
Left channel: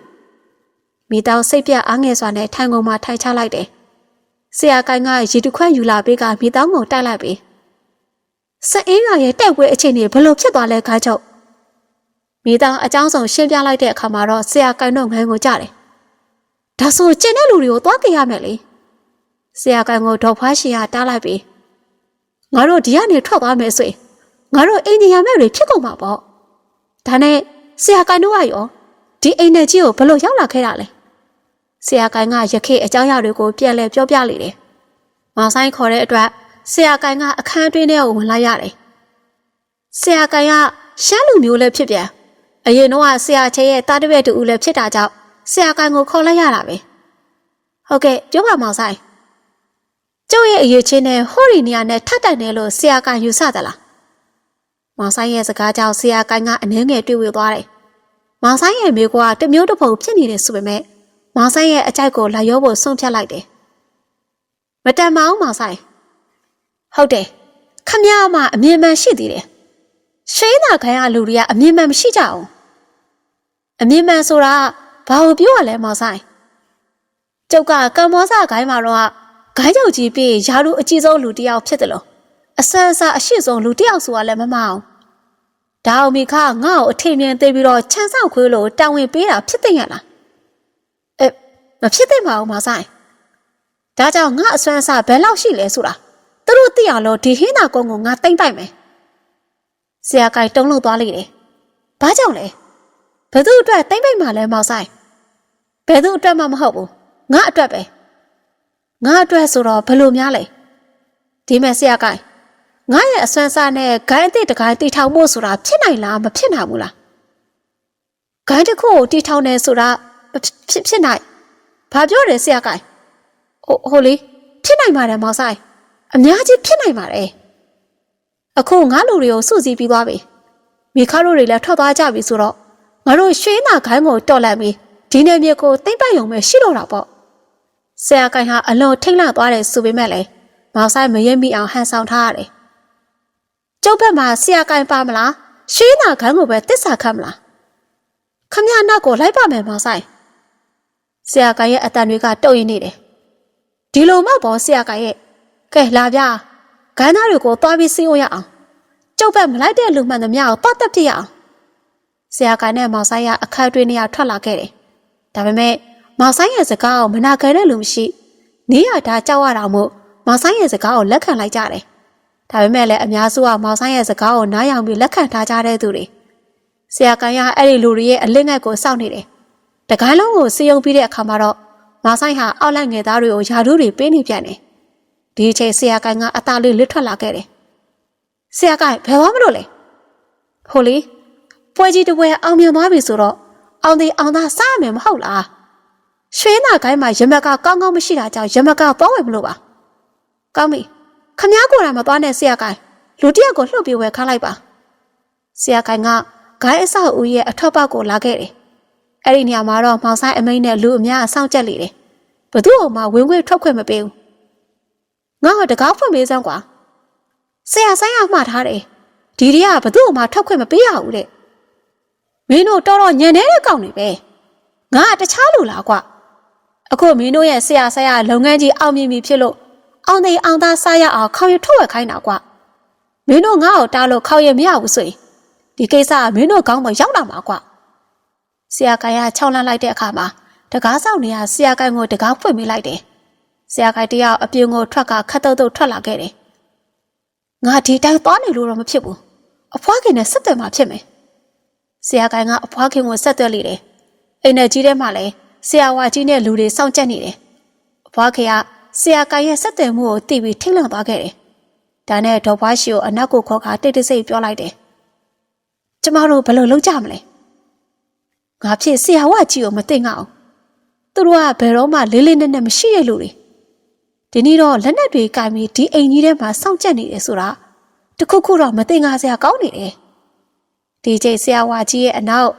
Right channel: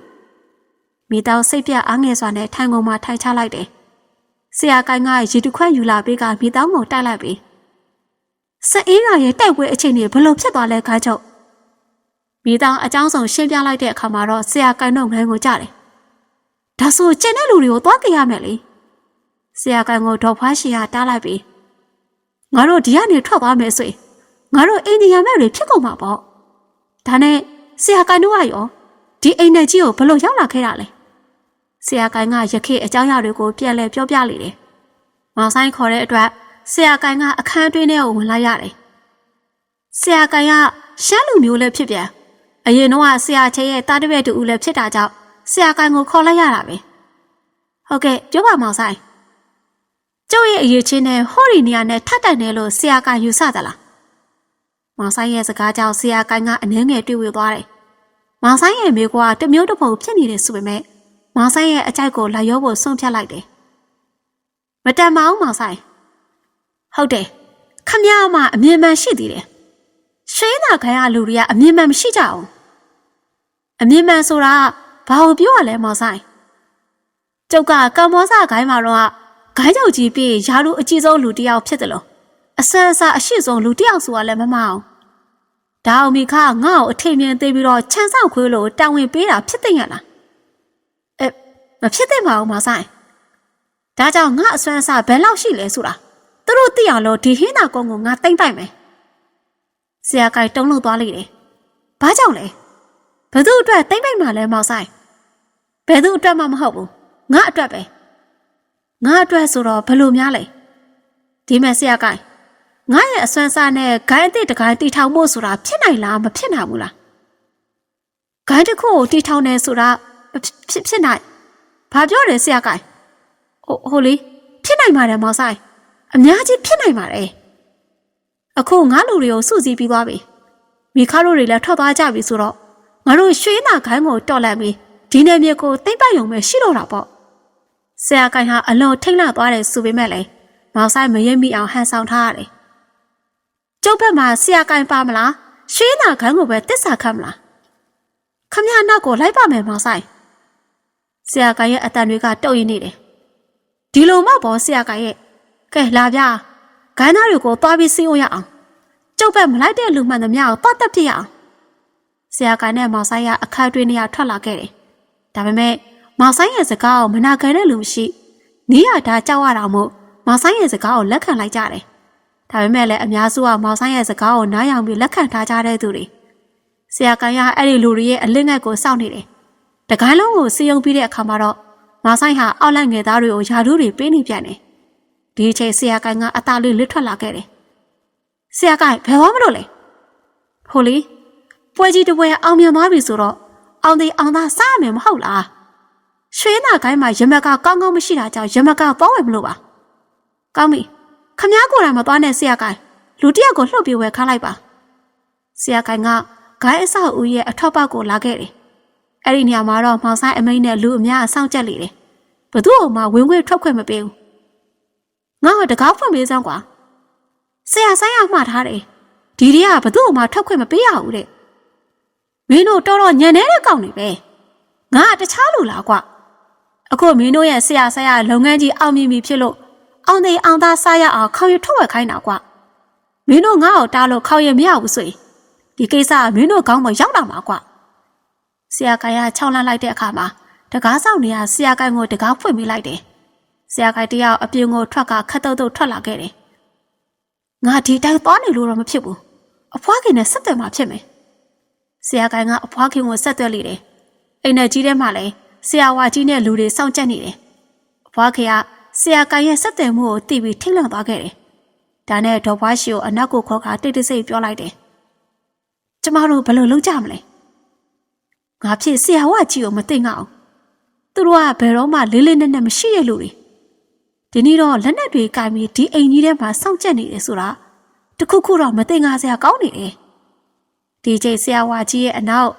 မိသားစိတ်ပြအားငယ်စွာနဲ့ထိုင်ကုန်မှာထိုင်ချလိုက်တယ်။ဆရာကိုင်းကရေတခွက်ယူလာပေးကမိသားကိုတိုက်လိုက်ပြီးစအေးရရဲ့တိုက်ပွဲအချိန်တွေဘယ်လိုဖြစ်သွားလဲခေါင်းချုပ်မိသားအကြောင်းဆောင်ရှင်းပြလိုက်တဲ့အခါမှာတော့ဆရာကိုင်းတော့ငန်းကိုကြတယ်။ ဒါဆိုကျန်တဲ့လူတွေကိုသွားကြရမယ်လေ။ဆရာကိုင်းကိုဒေါ်ဖွားရှင်ကတားလိုက်ပြီးငါတို့ဒီကနေထွက်သွားမယ်ဆိုရင်ငါတို့အိန္ဒိယမဲ့တွေဖြစ်ကုန်မှာပေါ့။ဒါနဲ့ဆရာကိုင်းတို့ကရောဒီအိမ်နဲ့ကြီးကိုဘယ်လိုရောက်လာခဲ့တာလဲဆရာကိုင်းကရခေအကြောင်းအရာတွေကိုပြန်လဲပြောပြလိမ့်တယ်။မောင်ဆိုင်ခေါ်တဲ့အတွက်ဆရာကိုင်းကအခန်းတွင်းထဲကိုဝင်လာရတယ်။ဆရာကိုင်းကရှမ်းလူမျိုးလည်းဖြစ်ပြန်အရင်တော့ဆရာချေရဲ့တားတပည့်တူဦးလည်းဖြစ်တာကြောင့် ဆရာကိုင်းကိုခေါ်လိုက်ရတာပဲ။ဟုတ်ကဲ့ပြောပါမောင်ဆိုင်။ကျုပ်ရဲ့အရေးချင်းနဲ့ဟိုရီနီယာနဲ့ထပ်တိုင်တယ်လို့ဆရာကိုင်းယူဆသလား။မောင်ဆိုင်ရဲ့စကားကြောင့်ဆရာကိုင်းကအနှဲငယ်တွေ့ဝေသွားတယ်။မောင်ဆိုင်ရဲ့မိကွာတမျိုးတစ်ပုံဖြစ်နေတယ်ဆိုပေမဲ့မောင်ဆိုင်ရဲ့အကြိုက်ကိုလာရောဖို့ဆုံးဖြတ်လိုက်တယ်။မတန်ပါဘူးမောင်ဆိုင်။ဟုတ်တယ်။ခမရမအမြင်မှန်ရှိသေးတယ်။ရှင်းတာခံရလူတွေကအမြင်မှန်မရှိကြအောင်။အမြင်မှန်ဆိုတာ ဘာကိုပြောရလဲမောင်ဆိုင်။ကျုပ်ကကမ္ဘောဇဂိုင်းမှာတော့ဂိုင်းချုပ်ကြီးပြီးယာရုအကြီးဆုံးလူတစ်ယောက်ဖြစ်တယ်လို့အဆအဆအရှိဆုံးလူတစ်ယောက်ဆိုတာလည်းမမအောင်။ဒါအောင်မိခငါ့ကိုအထင်မြင်သိပြီးတော့ခြံဆောက်ခွေးလို့တာဝန်ပေးတာဖြစ်တဲ့ရလား။အဲမဖြစ်သင့်ပါဘူးမဆိုင်။ဒါကြောင့်ငါအစွမ်းအစဘယ်လောက်ရှိလဲဆိုတာသူတို့သိရလို့ဒီဟင်းသာကုန်းကိုငါတိမ့်ပိုက်မယ်။ဆရာကိုင်တုံးလို့သွားလိုက်တယ်။ဘာကြောင့်လဲ။ ဘယ်သူအတွက်တိမ့်ပိုက်မှလဲမောင်ဆိုင်။ဘယ်သူအတွက်မှမဟုတ်ဘူး။ငါအတွက်ပဲ။ငါအတွက်ဆိုတော့ဘယ်လိုများလဲ။ဒီမဲ့ဆရာကိုင်ငါရဲ့အစွမ်းစားနဲ့ဂိုင်းအစ်စ်တကိုင်းတီထောင်ဖို့ဆိုတာဖြစ်နိုင်လားမဖြစ်နိုင်ဘူးလား။ဂိုင်းတစ်ခုကိုတီထောင်နေဆိုတာဖြစ်ဖြစ်နိုင်ဘာပြောတယ်ဆရာကိုင်ဟိုဟိုလေဖြစ်နိုင်ပါတယ်မောင်ဆိုင်အများကြီးဖြစ်နိုင်ပါတယ်အခုငါလူတွေကိုစုစည်းပြီးသွားပြီမိခါတို့တွေလည်းထွက်သွားကြပြီဆိုတော့ ငါတို့ရွှေနာခိုင်းကိုတော်လိုက်ပြီးဒီနယ်မြေကိုတိမ့်ပတ်ရုံပဲရှိတော့တာပေါ့ဆရာကိုင်ဟာအလွန်ထိတ်လန့်သွားတယ်ဆိုပေမဲ့လည်းမောင်ဆိုင်မရိပ်မိအောင်ဟန်ဆောင်ထားရတယ်ကျုပ်ဘက်မှာဆရာကိုင်ပါမလားရွှေနာခိုင်းကိုပဲတစ္ဆာခတ်မလားခမရနောက်ကိုလိုက်ပါမယ်မောင်ဆိုင်ဆရာကရဲ့အတန်တွေကတုတ်ရင်နေတယ်ဒီလိုမှပေါ်ဆရာကရဲ့ကဲလာဗျာဂိုင်းသားတွေကိုသွားပြီးစီးအောင်ရအောင်ကျုပ်ဘက်မလိုက်တဲ့လူမှန်သမျှကိုပတ်သက်ပြရအောင် ဆရာကနဲ့မောင်ဆိုင်ရအခက်တွင်းနေရထွက်လာခဲ့တယ်ဒါပေမဲ့မောင်ဆိုင်ရဲ့စကားကိုမနာခံတဲ့လူမရှိနေရတာကြောက်ရတာမို့မောင်ဆိုင်ရဲ့စကားကိုလက်ခံလိုက်ကြတယ်ဒါပေမဲ့လည်းအများစုကမောင်ဆိုင်ရဲ့စကားကိုနားယောင်ပြီးလက်ခံထားကြတဲ့သူတွေဆရာကရအဲ့ဒီလူတွေရဲ့အလစ်ငတ်ကိုစောင့်နေတယ်တကိုင်းလုံးကိုစီယုံပြီးတဲ့အခါမှာတော့မဆိုင်ဟာအောက်လိုက်ငယ်သားတွေကိုယာတို့တွေပေးနေပြန်တယ်။ဒီအချိန်ဆရာကိုင်ကအသားလေးလစ်ထွက်လာခဲ့တယ်။ဆရာကိုင်ဘယ်ဝါမလို့လဲ။ဟိုလေ ပွဲကြီးတစ်ပွဲအောင်မြင်သွားပြီဆိုတော့အောင်သေးအောင်သားစားမယ်မဟုတ်လား။ရွှေနာကိုင်းမှာရမက်ကကောင်းကောင်းမရှိတာကြောင့်ရမက်ကသွားဝယ်မလို့ပါ။ကောင်းပြီ။ခမားကိုယ်တိုင်မသွားနဲ့ဆရာကိုင်လူတယောက်ကိုလှုပ်ပြီးဝယ်ခါလိုက်ပါ။ဆရာကိုင်ကဂိုင်းအဆောက်ဦးရဲ့အထွတ်ပေါက်ကိုလာခဲ့တယ်။အဲ့ဒီနေရာမှာတော့မောင်ဆိုင်အမိန်နဲ့လူအများအဆောင်ကြက်လေတယ်။ဘသူ့အောင်မှဝင်ခွင့်ထွက်ခွင့်မပေးဘူး။ငါ့ကိုတကားဖွင့်ပေးစမ်းကွာ။ဆရာဆိုင်ကမှားထားတယ်။ဒီတွေကဘသူ့အောင်မှထွက်ခွင့်မပေးရဘူးတဲ့။ မမင်းတို့တော်တော်ညံနေတဲ့ကောင်တွေပဲငါကတခြားလူလားကွာအခုမင်းတို့ရဲ့ဆရာဆရာလုပ်ငန်းကြီးအောင်မြင်ပြီဖြစ်လို့အောင်သိအောင်သားစားရအောင်ခေါင်းရထုတ်ဝက်ခိုင်းတာကွာမင်းတို့ငါ့ကိုတားလို့ခေါင်းရမရဘူးဆိုရင်ဒီကိစ္စကမင်းတို့ကောင်းမရောက်လာမှာကွာဆရာကိုင်ကခြောက်လန့်လိုက်တဲ့အခါမှာတကားဆောင်နေရဆရာကိုင်ကိုတကားဖွင့်မိလိုက်တယ်ဆရာကိုင်တယောက်အပြင်ကိုထွက်ကခတ်တုတ်တုတ်ထွက်လာခဲ့တယ်ငါဒီတိုင်းသွားနေလို့တော့မဖြစ်ဘူးအဖွားခင်နဲ့ဆက်သွယ်မှဖြစ်မယ် ဆရာကိုင်ကအဖွားခင်ကိုဆက်သွယ်လိတယ်အိမ်နဲ့ကြီးထဲမှာလည်းဆရာဝါကြီးနဲ့လူတွေစောင့်ကြက်နေတယ်အဖွားခင်ကဆရာကိုင်ရဲ့ဆက်သွယ်မှုကိုသိပြီးထိတ်လန့်သွားခဲ့တယ်ဒါနဲ့ဒေါ်ဘွားရှိကိုအနောက်ကိုခေါ်ခါတိတ်တိတ်ဆိတ်ပြောလိုက်တယ်ကျမတို့ဘယ်လိုလုပ်ကြမလဲငါဖြစ်ဆရာဝါကြီးကိုမသိငါအောင်သူတို့ကဘယ်တော့မှလေးလေးနက်နက်မရှိတဲ့လူတွေဒီနေ့တော့လက်နက်တွေကင်ပြီးဒီအိမ်ကြီးထဲမှာစောင့်ကြက်နေတယ်ဆိုတာတခုခုတော့မသိငါစရာကောင်းနေတယ် ဒီချိန်ဆရာဝါကြီးရဲ့အနောက်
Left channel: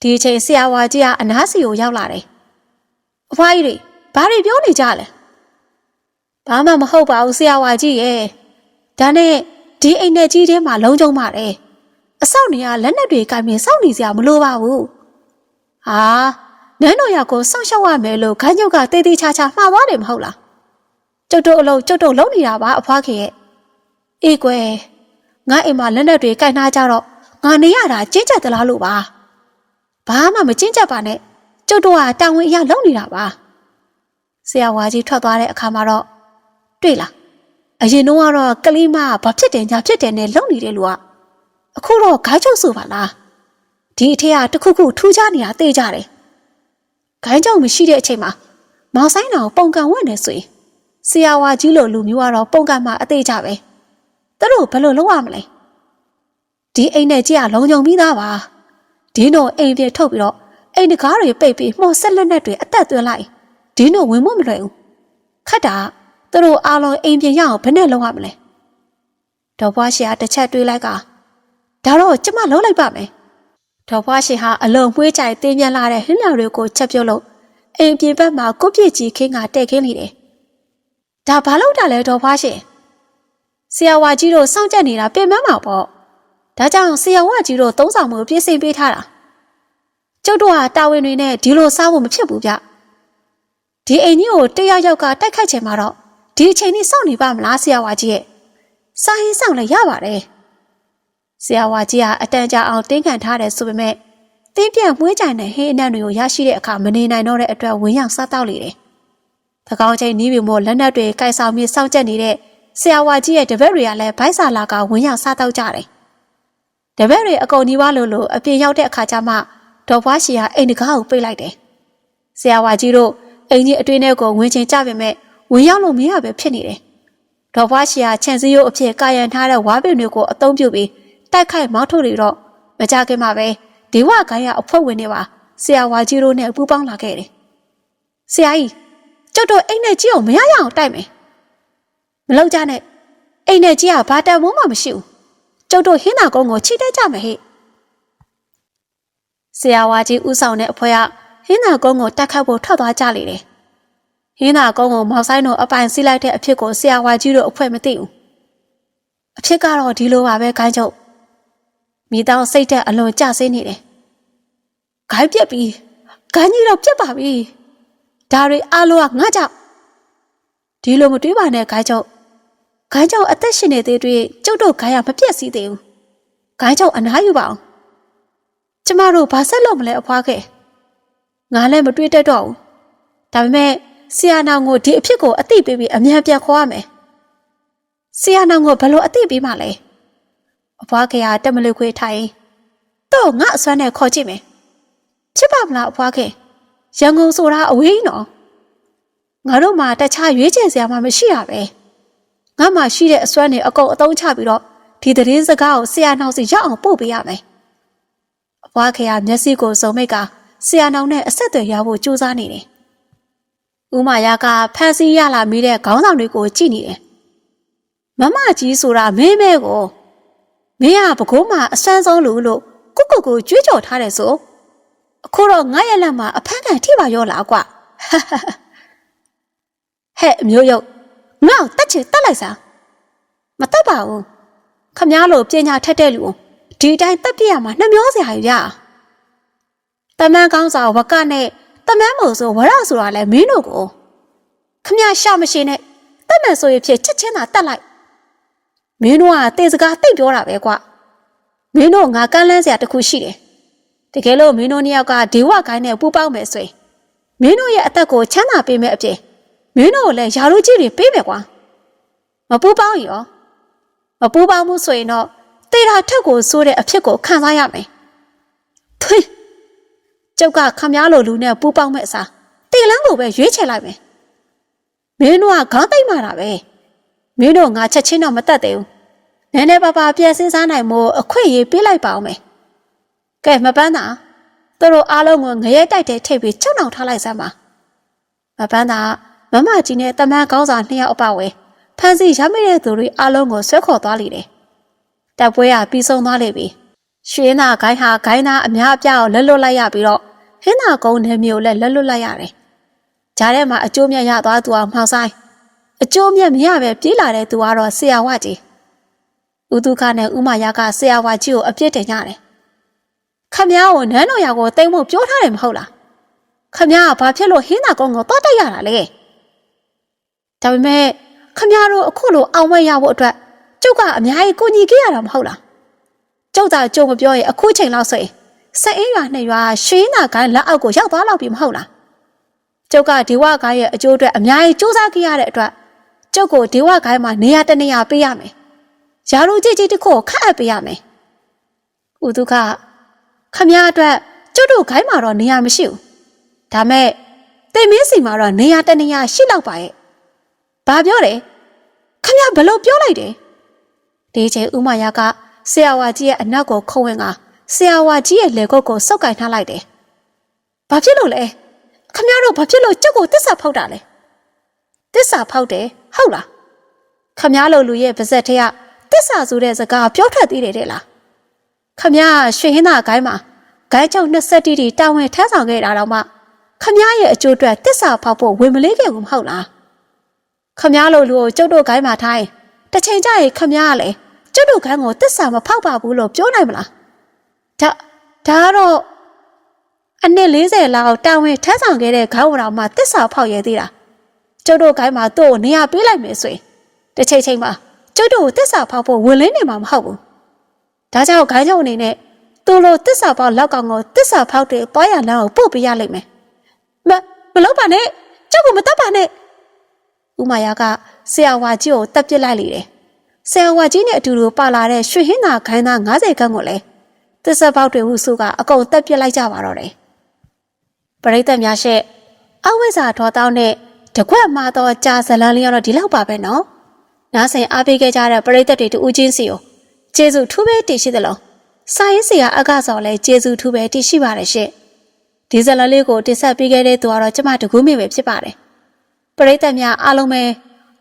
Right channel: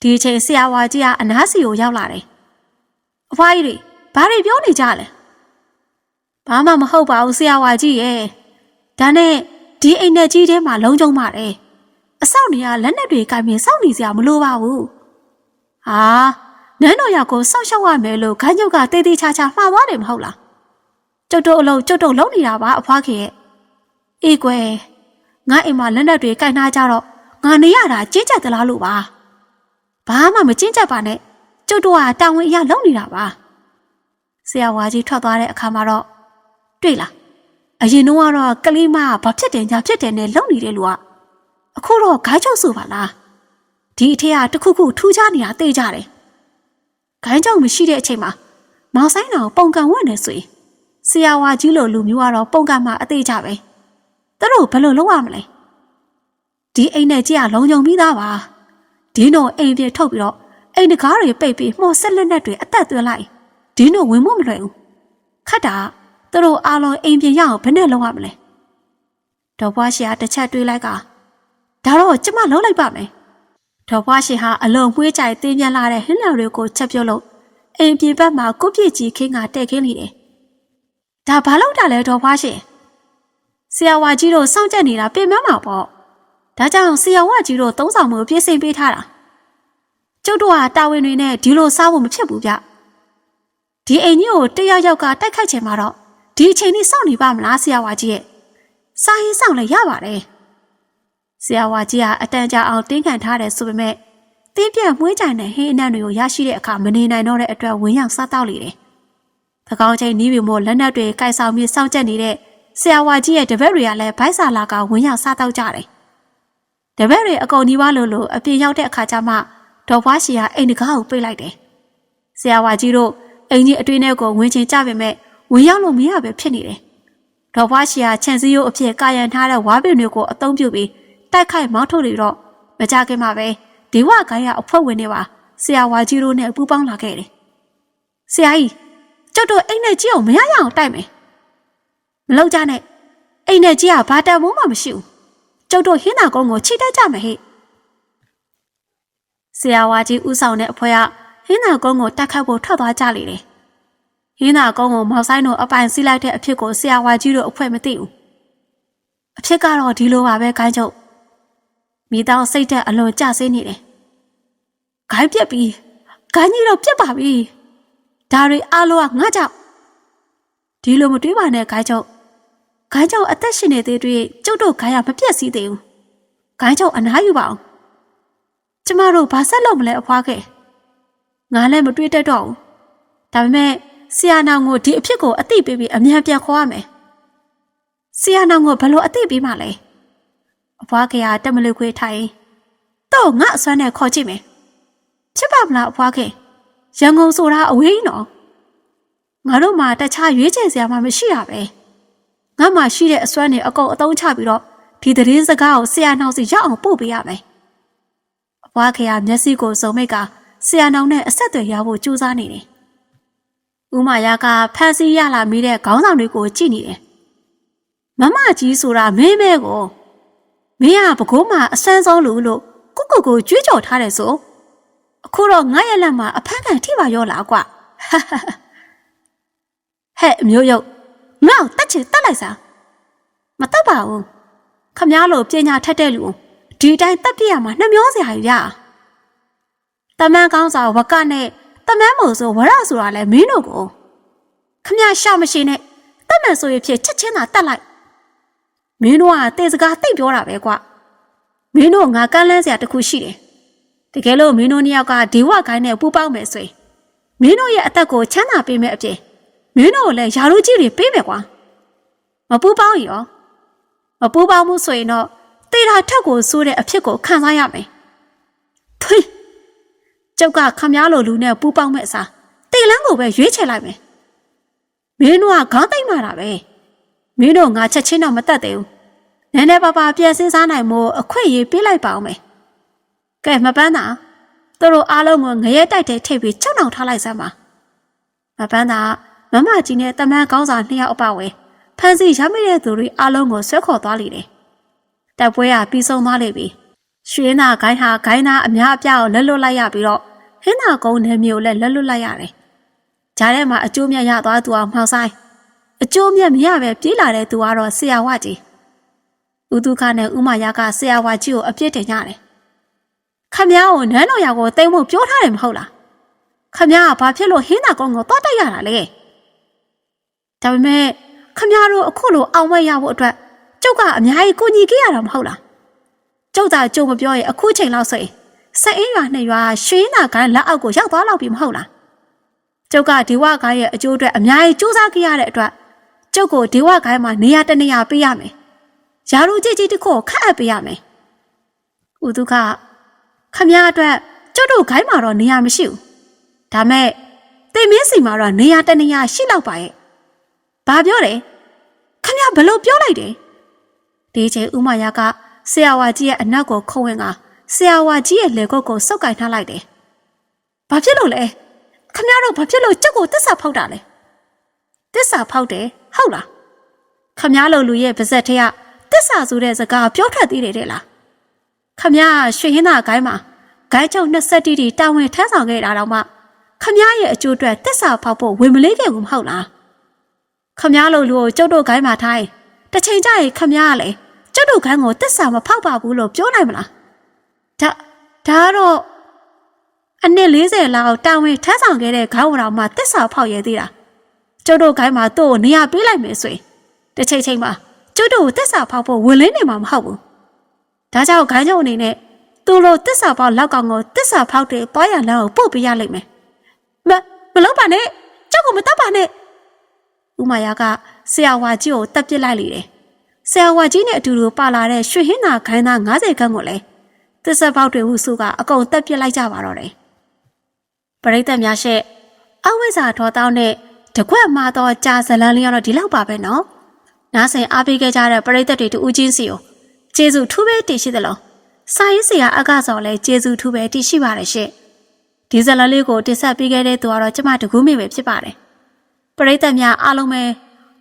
ဒီချိန်ဆရာဝါကြီးကအနားစီကိုရောက်လာတယ်အဖွားကြီးတွေဘာတွေပြောနေကြလဲဘာမှမဟုတ်ပါဘူးဆရာဝါကြီးရဲ့ဒါနဲ့ဒီအိမ်နဲ့ကြီးထဲမှာလုံးကျုံပါတယ်အဆောက်နေရလက်နက်တွေကင်ပြီးစောင့်နေစရာမလိုပါဘူးဟာနန်းတော်ရောက်ကိုစောင့်ရှောက်ရမယ်လို့ခန်းကျုပ်ကတေးသေးချာချာမှားသွားတယ်မဟုတ်လားကျုပ်တို့အလုံးကျုပ်တို့လုံးနေတာပါအဖွားခင်ရဲ့အေးကွယ် ငါအိမ်မှာလက်နက်တွေကင်ထားကြတော့ငါနေရတာကျင်းကျက်သလားလို့ပါဘာမှမကျင်းကျက်ပါနဲ့ကျုပ်တို့ကတာဝန်အရလုံးနေတာပါဆရာဝါကြီးထွက်သွားတဲ့အခါမှာတော့တွေ့လားအရင်တော့ကတော့ကလေးမကဘာဖြစ်တယ်ညာဖြစ်တယ်နဲ့လုံနေတဲ့လူကအခုတော့ဂိုင်းချုပ်ဆိုပါလားဒီအထက်ကတခုခုထူးခြားနေတာသိကြတယ်ဂိုင်းချုပ်မရှိတဲ့အချိန်မှာမောင်ဆိုင်တော်ပုံကန်ဝင်နေဆိုရင်ဆရာဝါကြီးလိုလူမျိုးကတော့ပုံကန်မှာအသေးကြပဲ သူတို့ဘယ်လိုလုပ်ရမလဲဒီအိမ်နဲ့ကြည့်ရလုံုံပြီးသားပါဒီနိုအိမ်ပြေထုတ်ပြီးတော့အိမ်တကားတွေပိတ်ပြီးမှော်ဆက်လက်နဲ့တွေအသက်သွင်းလိုက်ဒီနိုဝင်မမလွယ်ဘူးခတ်တာသူတို့အားလုံးအိမ်ပြင်ရအောင်ဘယ်နဲ့လုပ်ရမလဲဒေါ်ဘွားရှင်ကတစ်ချက်တွေးလိုက်ကဒါတော့ကျမလုံးလိုက်ပါမယ်ဒေါ်ဘွားရှင်ဟာအလုံးမွှေးကြိုင်တင်းပြန်လာတဲ့ဟင်းလောင်တွေကိုချက်ပြုတ်လို့အိမ်ပြင်ဘက်မှာကိုပြည့်ကြီးခင်းကတဲ့ခင်းနေတယ်ဒါဘာလို့တာလဲဒေါ်ဘွားရှင် ဆရာဝါကြီးတို့စောင့်ကြက်နေတာပြင်မမှာပေါ့ဒါကြောင့်ဆရာဝါကြီးတို့သုံးဆောင်မှုပြင်ဆင်ပေးထားတာကျုပ်တို့ဟာတာဝန်တွေနဲ့ဒီလိုစားဖို့မဖြစ်ဘူးဗျဒီအိမ်ကြီးကိုတယောက်ယောက်ကတိုက်ခိုက်ချင်မှာတော့ဒီအချိန်នេះစောင့်နေပါမလားဆရာဝါကြီးရဲ့စာရင်းဆောင်လည်းရပါတယ်ဆရာဝါကြီးကအတန်ကြာအောင်တင်းခံထားတယ်ဆိုပေမဲ့တင်းပြန့်မွှေးကြိုင်တဲ့ဟင်းအနံ့တွေကိုရရှိတဲ့အခါမနေနိုင်တော့တဲ့အတွက်ဝင်းရောက်စားတော့လေတယ်။သကောင်းချင်းနီးပြီမို့လက်နက်တွေကိုက်ဆောင်ပြီးစောင့်ကြက်နေတဲ့ ဆရာဝါကြီးရဲ့တပည့်တွေကလည်းဘိုက်စာလာကဝင်းရောက်စားတော့ကြတယ်။တပည့်တွေအကုန်နီးပါးလို့လို့အပြင်ရောက်တဲ့အခါကျမှဒေါ်ဘွားရှီကအိမ်တကားကိုပိတ်လိုက်တယ်။ဆရာဝါကြီးတို့အိမ်ကြီးအတွင်းထဲကိုဝင်ချင်ကြပေမဲ့ဝင်ရောက်လို့မရပဲဖြစ်နေတယ်။ဒေါ်ဘွားရှီကခြံစည်းရိုးအဖြစ်ကာယံထားတဲ့ဝါပင်တွေကိုအသုံးပြုပြီးတိုက်ခိုက်မောင်းထုတ်နေတော့မကြခင်မှာပဲဒေဝဂိုင်းရအဖွဲ့ဝင်တွေပါဆရာဝါကြီးတို့နဲ့ပူးပေါင်းလာခဲ့တယ်။ဆရာကြီးကျုပ်တို့အိမ်နဲ့ကြီးအောင်မရရအောင်တိုက်မယ်။ မလောက်ကြနဲ့အိမ်နဲ့ကြီးကဘာတန်မိုးမှမရှိဘူး။ကျုပ်တို့ဟင်းသာကုန်းကိုချိတက်ကြမယ်ဟဲ့။ဆရာဝါကြီးဥဆောင်တဲ့အဖွဲ့ကဟင်းသာကုန်းကိုတက်ခတ်ဖို့ထွက်သွားကြလေတယ်။ဟင်းသာကုန်းကိုမောက်ဆိုင်တို့အပိုင်စီးလိုက်တဲ့အဖြစ်ကိုဆရာဝါကြီးတို့အဖွဲ့မသိဘူး။အဖြစ်ကတော့ဒီလိုပါပဲခိုင်းချုပ်မိသားစိတ်တက်အလွန်ကြဆင်းနေတယ်။ဂိုင်းပြက်ပြီ။ဂိုင်းကြီးတော့ပြက်ပါပြီ။ဒါတွေအားလုံးကငါကြောင့်ဒီလိုမတွေးပါနဲ့ဂိုင်းချုပ်။ ဂိုင်းချုပ်အသက်ရှင်နေသေးတွေ့ကျုပ်တို့ဂိုင်းရမပြက်စီးသေးဘူး။ဂိုင်းချုပ်အနားယူပါအောင်။ကျမတို့ဘာဆက်လုပ်မလဲအဖွားခဲ့။ငါလည်းမတွေးတတ်တော့ဘူး။ဒါပေမဲ့ဆရာနောင်ကိုဒီအဖြစ်ကိုအသိပေးပြီးအမြန်ပြန်ခေါ်ရမယ်။ဆရာနောင်ကိုဘယ်လိုအသိပေးမှလဲ။အဖွားခင်ကတက်မလို့ခွေးထိုင်တော့ငါအစွမ်းနဲ့ခေါ်ကြည့်မယ်ချစ်ပါမလားအဖွားခင်ရန်ကုန်ဆိုတာအဝေးနော်ငါတို့မှတခြားရွေးချယ်စရာမှမရှိရပဲ ငါမှရှိတဲ့အစွမ်းနဲ့အကုန်အသုံးချပြီးတော့ဒီသတင်းစကားကိုဆရာနောက်စီရောက်အောင်ပို့ပေးရမယ်အဖွားခင်ကမျက်စိကိုစုံမိတ်ကဆရာနောင်နဲ့အဆက်အသွယ်ရဖို့ကြိုးစားနေတယ်ဦးမာယာကဖန်စီရလာမိတဲ့ခေါင်းဆောင်တွေကိုကြည့်နေတယ်မမကြီးဆိုတာမင်းမဲကိုမင်းကပကိုးမှာအဆန်းဆုံးလူလို့ကိုကိုကိုကြွေးကြော်ထားတယ်ဆိုအခုတော့ငါရဲ့လက်မှာအဖမ်းခံထိပါရောလားကွာဟဲ့အမျိုးရုပ် ငါ့ကိုတက်ချင်တက်လိုက်စမ်းမတက်ပါဘူးခမားလိုပညာထက်တဲ့လူဒီအတိုင်းတက်ပြရမှာနှမျောစရာကြီးဗျာတမန်ကောင်းစာဝကနဲ့တမန်မို့ဆိုဝရဆိုတာလဲမင်းတို့ကိုခမရှာမရှိနဲ့တက်မယ်ဆိုရင်ဖြစ်ချက်ချင်းသာတက်လိုက်မင်းတို့ကတေစကားတိတ်ပြောတာပဲကွာမင်းတို့ငါကန်းလန်းစရာတစ်ခုရှိတယ်တကယ်လို့မင်းတို့နှစ်ယောက်ကဒေဝဂိုင်းနဲ့ပူပေါင်းမယ်ဆိုရင်မင်းတို့ရဲ့အသက်ကိုချမ်းသာပေးမယ်အပြင် မင်းတို့ကိုလည်းယာရုကြီးတွေပေးမယ်ကွာမပူပေါင်းရင်ရောမပူပေါင်းမှုဆိုရင်တော့တေတာထက်ကိုစိုးတဲ့အဖြစ်ကိုခံစားရမယ်ထွန်းကျုပ်ကခမားလိုလူနဲ့ပူပေါင်းမဲ့အစားတေလန်းကိုပဲရွေးချယ်လိုက်မယ်မင်းတို့ကခေါင်းသိမ့်မာတာပဲမင်းတို့ငါချက်ချင်းတော့မတတ်သေးဘူးနည်းနည်းပါးပါပြန်စင်းစားနိုင်မို့အခွင့်အရေးပေးလိုက်ပါအောင်မယ်ကဲမပန်းတာသူတို့အားလုံးကိုငရဲတိုက်တဲ့ထိပ်ပြီးချက်နှောင်ထားလိုက်စမ်းပါမပန်းတာ မမကြီးနဲ့တမန်ကောင်းစာနှစ်ယောက်အပဝဲဖန်စီရမိတဲ့သူတွေအားလုံးကိုဆွဲခေါ်သွားလိမ့်တယ်တပ်ပွဲကပြီးဆုံးသွားလိမ့်ပြီရွှေနာဂိုင်းဟာဂိုင်းသားအများအပြားကိုလက်လွတ်လိုက်ရပြီးတော့ဟင်းနာကုန်းနယ်မျိုးလည်းလက်လွတ်လိုက်ရတယ်ဂျားထဲမှာအကျိုးမြတ်ရသွားသူကမှောက်ဆိုင်အကျိုးမြတ်မရပဲပြေးလာတဲ့သူကတော့ဆရာဝကြီးဦးဒုက္ခနဲ့ဥမာရကဆရာဝကြီးကိုအပြစ်တင်ကြတယ်ခမည်းကိုနန်းတော်ရာကိုတိမ်ဖို့ပြောထားတယ်မဟုတ်လားခမည်းကဘာဖြစ်လို့ဟင်းနာကုန်းကိုတောက်တက်ရတာလဲ ဒါပေမဲ့ခမည်းတို့အခုလိုအောင်ဝဲရဖို့အတွက်ကျုပ်ကအများကြီးကိုညီခဲ့ရတာမဟုတ်လားကျုပ်သာကြုံမပြောရင်အခုချိန်လောက်ဆိုရင်စက်အင်းရွာနှစ်ရွာရွှေနာကိုင်းလက်အောက်ကိုရောက်သွားလောက်ပြီမဟုတ်လားကျုပ်ကဒီဝကိုင်းရဲ့အကျိုးအတွက်အများကြီးစူးစမ်းခဲ့ရတဲ့အတွက်ကျုပ်ကိုဒီဝကိုင်းမှာနေရာတနေရာပေးရမယ်ယာရုကြီးကြီးတစ်ခုကိုခန့်အပ်ပေးရမယ်ဥဒုခခမည်းအတွက်ကျုပ်တို့ဂိုင်းမှာတော့နေရာမရှိဘူးဒါမဲ့တင်မင်းစီမှာတော့နေရာတနေရာရှိလောက်ပါရဲ့ ဘာပြောတယ်ခမည်းဘလို့ပြောလိုက်တယ်ဒီချိန်ဥမာယာကဆရာဝါကြီးရဲ့အနက်ကိုခုံဝင်ကဆရာဝါကြီးရဲ့လက်ကုပ်ကိုစောက်ကင်ထားလိုက်တယ်။ဘာဖြစ်လို့လဲ။ခမရတို့ဘာဖြစ်လို့ကြုတ်ကိုတစ္ဆာဖောက်တာလဲ။တစ္ဆာဖောက်တယ်ဟုတ်လား။ခမရလိုလူရဲ့ပါဇက်ထက်ကတစ္ဆာဆိုတဲ့စကားပြောထွက်သေးတယ်တဲ့လား။ခမရရွှေဟင်းသာဂိုင်းမှာဂိုင်းချုံ20တီတီတာဝန်ထမ်းဆောင်ခဲ့တာတော့မှခမရရဲ့အကျိုးအတွက်တစ္ဆာဖောက်ဖို့ဝင်မလေးခဲ့ဘူးမဟုတ်လား။ ခမရလိုလူကိုကျုပ်တို့ဂိုင်းမှာထိုင်းတစ်ချိန်ကျရင်ခမရကလည်းကျုပ်တို့ခန်းကိုတစ္ဆာမဖောက်ပါဘူးလို့ပြောနိုင်မလားဒါဒါကတော့အနှစ်40လောက်တာဝန်ထမ်းဆောင်ခဲ့တဲ့ခေါင်းဝတော်မှာတစ္ဆာဖောက်ရသေးတာကျုပ်တို့ခိုင်းမှာသူ့ကိုနေရာပေးလိုက်မယ်ဆိုရင်တစ်ချိန်ချိန်မှာကျုပ်တို့ကိုတစ္ဆာဖောက်ဖို့ဝင်လင်းနေမှာမဟုတ်ဘူးဒါကြောင့်ခိုင်းချုပ်အနေနဲ့သူ့လိုတစ္ဆာဖောက်လောက်ကောင်ကိုတစ္ဆာဖောက်တဲ့ပေါ်ရလမ်းကိုပို့ပေးရလိမ့်မယ်မမလုပ်ပါနဲ့ကျုပ်ကမတတ်ပါနဲ့ ဥမာယာကဆရာဝါကြီးကိုတက်ပစ်လိုက်လေတယ်ဆရာဝါကြီးနဲ့အတူတူပါလာတဲ့ရွှေဟင်းသာခိုင်းသား90ခန်းကိုလည်းသစ္စာပေါက်တွေဟုစုကအကုန်တက်ပစ်လိုက်ကြပါတော့တယ်ပရိသတ်များရှက်အဝိဇ္ဇာထောတောင်းနဲ့တကွက်မှာတော့ကြာဇလန်းလေးကတော့ဒီလောက်ပါပဲနော်နားဆင်အားပေးခဲ့ကြတဲ့ပရိသတ်တွေတူဦးချင်းစီကိုကျေးဇူးထူးပဲတည်ရှိသလိုစာရေးဆရာအကစော်လည်းကျေးဇူးထူးပဲတည်ရှိပါတယ်ရှင့်ဒီဇလန်းလေးကိုတင်ဆက်ပေးခဲ့တဲ့သူကတော့ကျမတကူးမိပဲဖြစ်ပါတယ် ပရိသတ်များအားလုံးပဲ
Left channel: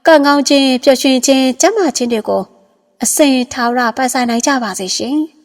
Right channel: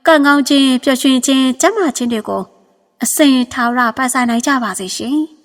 ကံကောင်းခြင်းပျော်ရွှင်ခြင်းကျမ်းမာခြင်းတွေကိုအစဉ်ထာဝရပိုင်ဆိုင်နိုင်ကြပါစေရှင်။